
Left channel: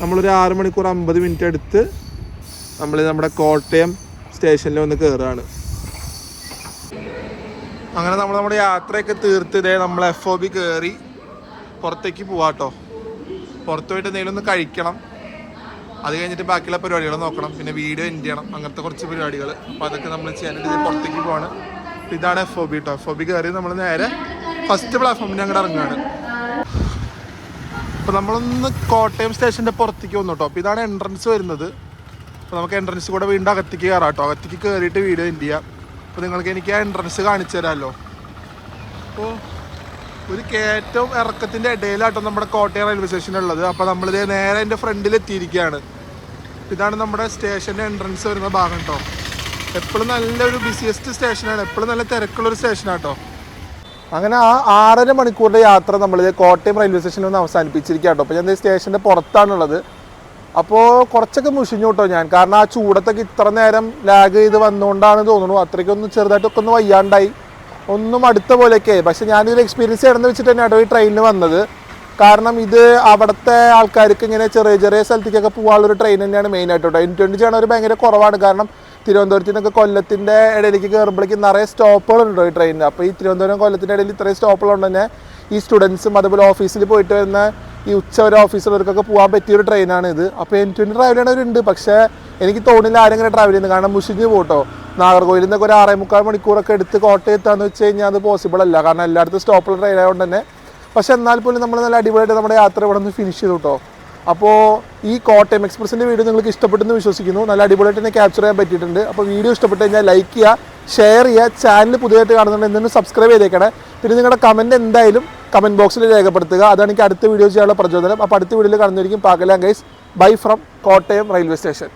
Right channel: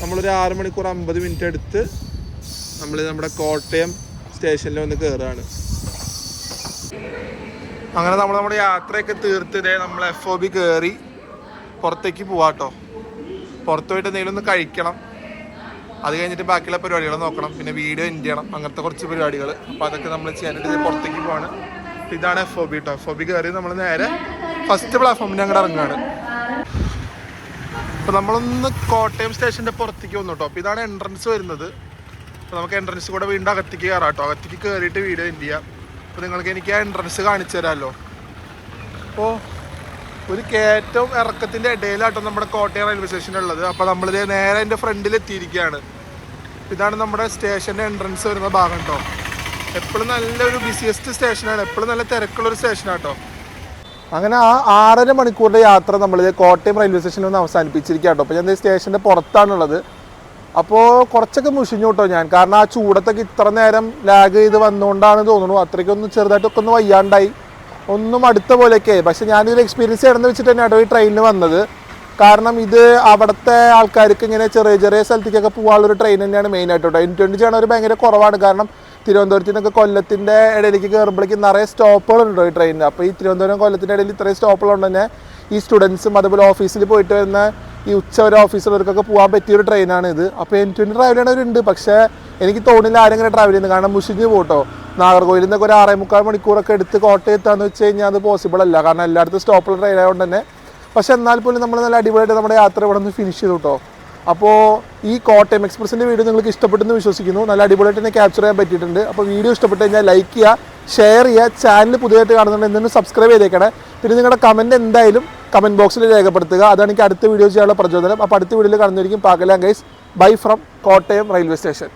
നമ്മളൊരു 6 മണിക്കൂർ 50 മിനിറ്റ് എടുത്ത് നമ്മൾ നമ്മുടെ കോട്ടയം സ്റ്റേഷനിൽ വന്ന് കയറുകയാണ്. അങ്ങനെ നമ്മുടെ യാത്രയൊക്കെ തീർത്ത് ഇതേ നമ്മൾ FOB കയറി പുറത്തേക്ക് പോവാട്ടോ. പുറത്ത് പോയിട്ട് എന്തെങ്കിലും ഒന്ന് കഴിക്കണം. അത് കഴിഞ്ഞിട്ട് ബാക്കിയുള്ള പരിപാടികൾ നോക്കണം. പിന്നെ വീഡിയോ എൻഡ് ചെയ്യണം. അങ്ങനത്തെ കുറച്ച് പരിപാടികൾ. അപ്പോൾ അതൊക്കെ നമ്മൾ ചെയ്യാനായിട്ട് പുറത്തേക്ക് പോവാണ്. ഇതാണ് FOB കേട്ടോ. FOB കയറി നമ്മൾ നേരെ ഫസ്റ്റ് പ്ലാറ്റ്ഫോമിൽ അങ്ങോട്ട് ഇറങ്ങുകയാണ്. അപ്പോൾ നമ്മളൊന്ന് കോട്ടയം സ്റ്റേഷൻ്റെ പുറത്തേക്ക് വന്നു കേട്ടോ. അപ്പോൾ ഇതാണ് എൻട്രൻസ് വരുന്നത്. അപ്പോൾ നമുക്ക് എൻട്രൻസ് കൂടെ വീണ്ടും അകത്തേക്ക് കയറാം കേട്ടോ. അകത്തേക്ക് കയറിയിട്ട് വീഡിയോ എൻഡ് ചെയ്യാം. അപ്പോൾ നിങ്ങൾക്ക് എനിക്ക് ആ എൻട്രൻസ് കാണിച്ചു തരാമല്ലോ. അപ്പോൾ ഒരു കയറ്റവും ഇറക്കത്തിൻ്റെ ഇടയിലാട്ടോ നമ്മുടെ കോട്ടയം റെയിൽവേ സ്റ്റേഷനുള്ളത്. അപ്പോൾ നമ്മളിത് നേരെ എൻ്റെ ഫ്രണ്ടിൽ എത്തിയിരിക്കുകയാണ്. ഇതാണ് നമ്മുടെ സ്റ്റേഷൻ്റെ എൻട്രൻസ് വരുന്ന ഭാഗം കേട്ടോ. എപ്പോഴും നല്ലൊരു ബിസിയസ്റ്റ് സ്റ്റേഷനാണ്. എപ്പോഴും നല്ല തിരക്കുള്ളൊരു സ്റ്റേഷനാണ് കേട്ടോ. അങ്ങനെ ആ 6.5 മണിക്കൂറിൻ്റെ യാത്ര നമ്മളിത് കോട്ടയം റെയിൽവേ സ്റ്റേഷനിൽ ഒന്ന് അവസാനിപ്പിച്ചിരിക്കുക കേട്ടോ. അപ്പോൾ ഞാൻ സ്റ്റേഷൻ്റെ പുറത്താണുള്ളത്. അപ്പോൾ കുറച്ചൊക്കെ മുഷിഞ്ഞു കേട്ടോ ഞാൻ. കാരണം ആ ചൂടത്തൊക്കെ ഇത്ര നേരം ലാഗ് ചെയ്ത് വന്നുകൊണ്ടാണ് തോന്നുന്നു. അത്രയ്ക്കൊന്ന് ചെറുതായിട്ടൊക്കെ ഒന്ന് വയ്യാണ്ടായി, ഒന്നും അടുത്ത പോലെയൊക്കെ. പക്ഷെ ഞാനിതിൽ എക്സ്പീരിയൻസ് ചെയ്യണമെന്ന് വെച്ചിട്ട് തന്നെയാണ് ഈ ട്രെയിനിൽ വന്നത്. കാരണം ഇത് അവിടുത്തെ ആൾക്കാർക്ക് ഇങ്ങനെ ചെറിയ ചെറിയ സ്ഥലത്തേക്കൊക്കെ പോകാനുള്ളൊരു ട്രെയിൻ തന്നെയാണ് മെയിനായിട്ട് കേട്ടോ. N20 ചെയ്യണവർ ഭയങ്കര കുറവാണ്. കാരണം തിരുവനന്തപുരത്ത് നിന്നൊക്കെ കൊല്ലത്തിൻ്റെ ഇടയിലേക്ക് കയറുമ്പോഴേക്കും നിറയെ സ്റ്റോപ്പുകളുണ്ടോ ഈ ട്രെയിനിൽ. അപ്പോൾ ഈ തിരുവനന്തപുരം കൊല്ലത്തിൻ്റെ ഇടയിൽ ഇത്രയും സ്റ്റോപ്പുകളുണ്ട് തന്നെ ഈ സ്റ്റുഡൻസും അതുപോലെ ഓഫീസിൽ പോയിട്ട് വരുന്ന ഈ ഉച്ചവരെ ഓഫീസിലവർക്കൊക്കെ പോകാൻ പറ്റിയൊരു ട്രെയിനാണ് ഇത്. അപ്പോൾ N20 ട്രാവൽ ചെയ്യണവരുണ്ട്. പക്ഷേ എനിക്ക് തോന്നില്ല ആരെങ്കിലും ട്രാവൽ ചെയ്യുന്നത്. കാരണം മുഷിഞ്ഞ് പോട്ടോ. നാഗർകോവിലിൽ നിന്നൊക്കെ ഒരു 6.25 മണിക്കൂറൊക്കെ എടുത്ത് കോട്ടയം എത്താന്ന് വെച്ച് കഴിഞ്ഞാൽ അത് പോസിബിൾ അല്ല. കാരണം എല്ലായിടത്തും സ്റ്റോപ്പുള്ള ട്രെയിൻ ആയതുകൊണ്ട് തന്നെ. പക്ഷെ എന്നാൽ പോലും നമ്മൾ നല്ല അടിപൊളിയായിട്ട് നമ്മുടെ യാത്ര ഇവിടെ നിന്ന് ഫിനിഷ് ചെയ്തു കേട്ടോ. അപ്പോൾ ഈ കോട്ടയം എക്സ്പ്രസിൻ്റെ വീഡിയോ നിങ്ങൾക്ക് ഇഷ്ടപ്പെട്ടെന്ന് വിശ്വസിക്കുന്നു. നല്ല അടിപൊളിയായിട്ട് തന്നെ ക്യാപ്ചർ ചെയ്യാൻ പറ്റിയിട്ടുണ്ട്. അപ്പോൾ വീഡിയോ ഇഷ്ടപ്പെട്ട് കഴിഞ്ഞാൽ ലൈക്ക് ചെയ്യുക, ഷെയർ ചെയ്യുക. ചാനൽ പുതിയതായിട്ട് കാണുന്നുണ്ട് എന്തെങ്കിലും സബ്സ്ക്രൈബ് ചെയ്തേക്കണേ. പിന്നെ നിങ്ങളുടെ കമൻറ്റ് എന്തായാലും കമൻറ്റ് ബോക്സിൽ രേഖപ്പെടുത്തുക. അതാണ് എനിക്ക് അടുത്ത വീഡിയോ ചെയ്യാനുള്ള പ്രചോദനം. അപ്പോൾ അടുത്ത വീഡിയോയിൽ കാണുന്നതായിരിക്കും. പാക്കലാം guys. Bye from Kottayam railway station.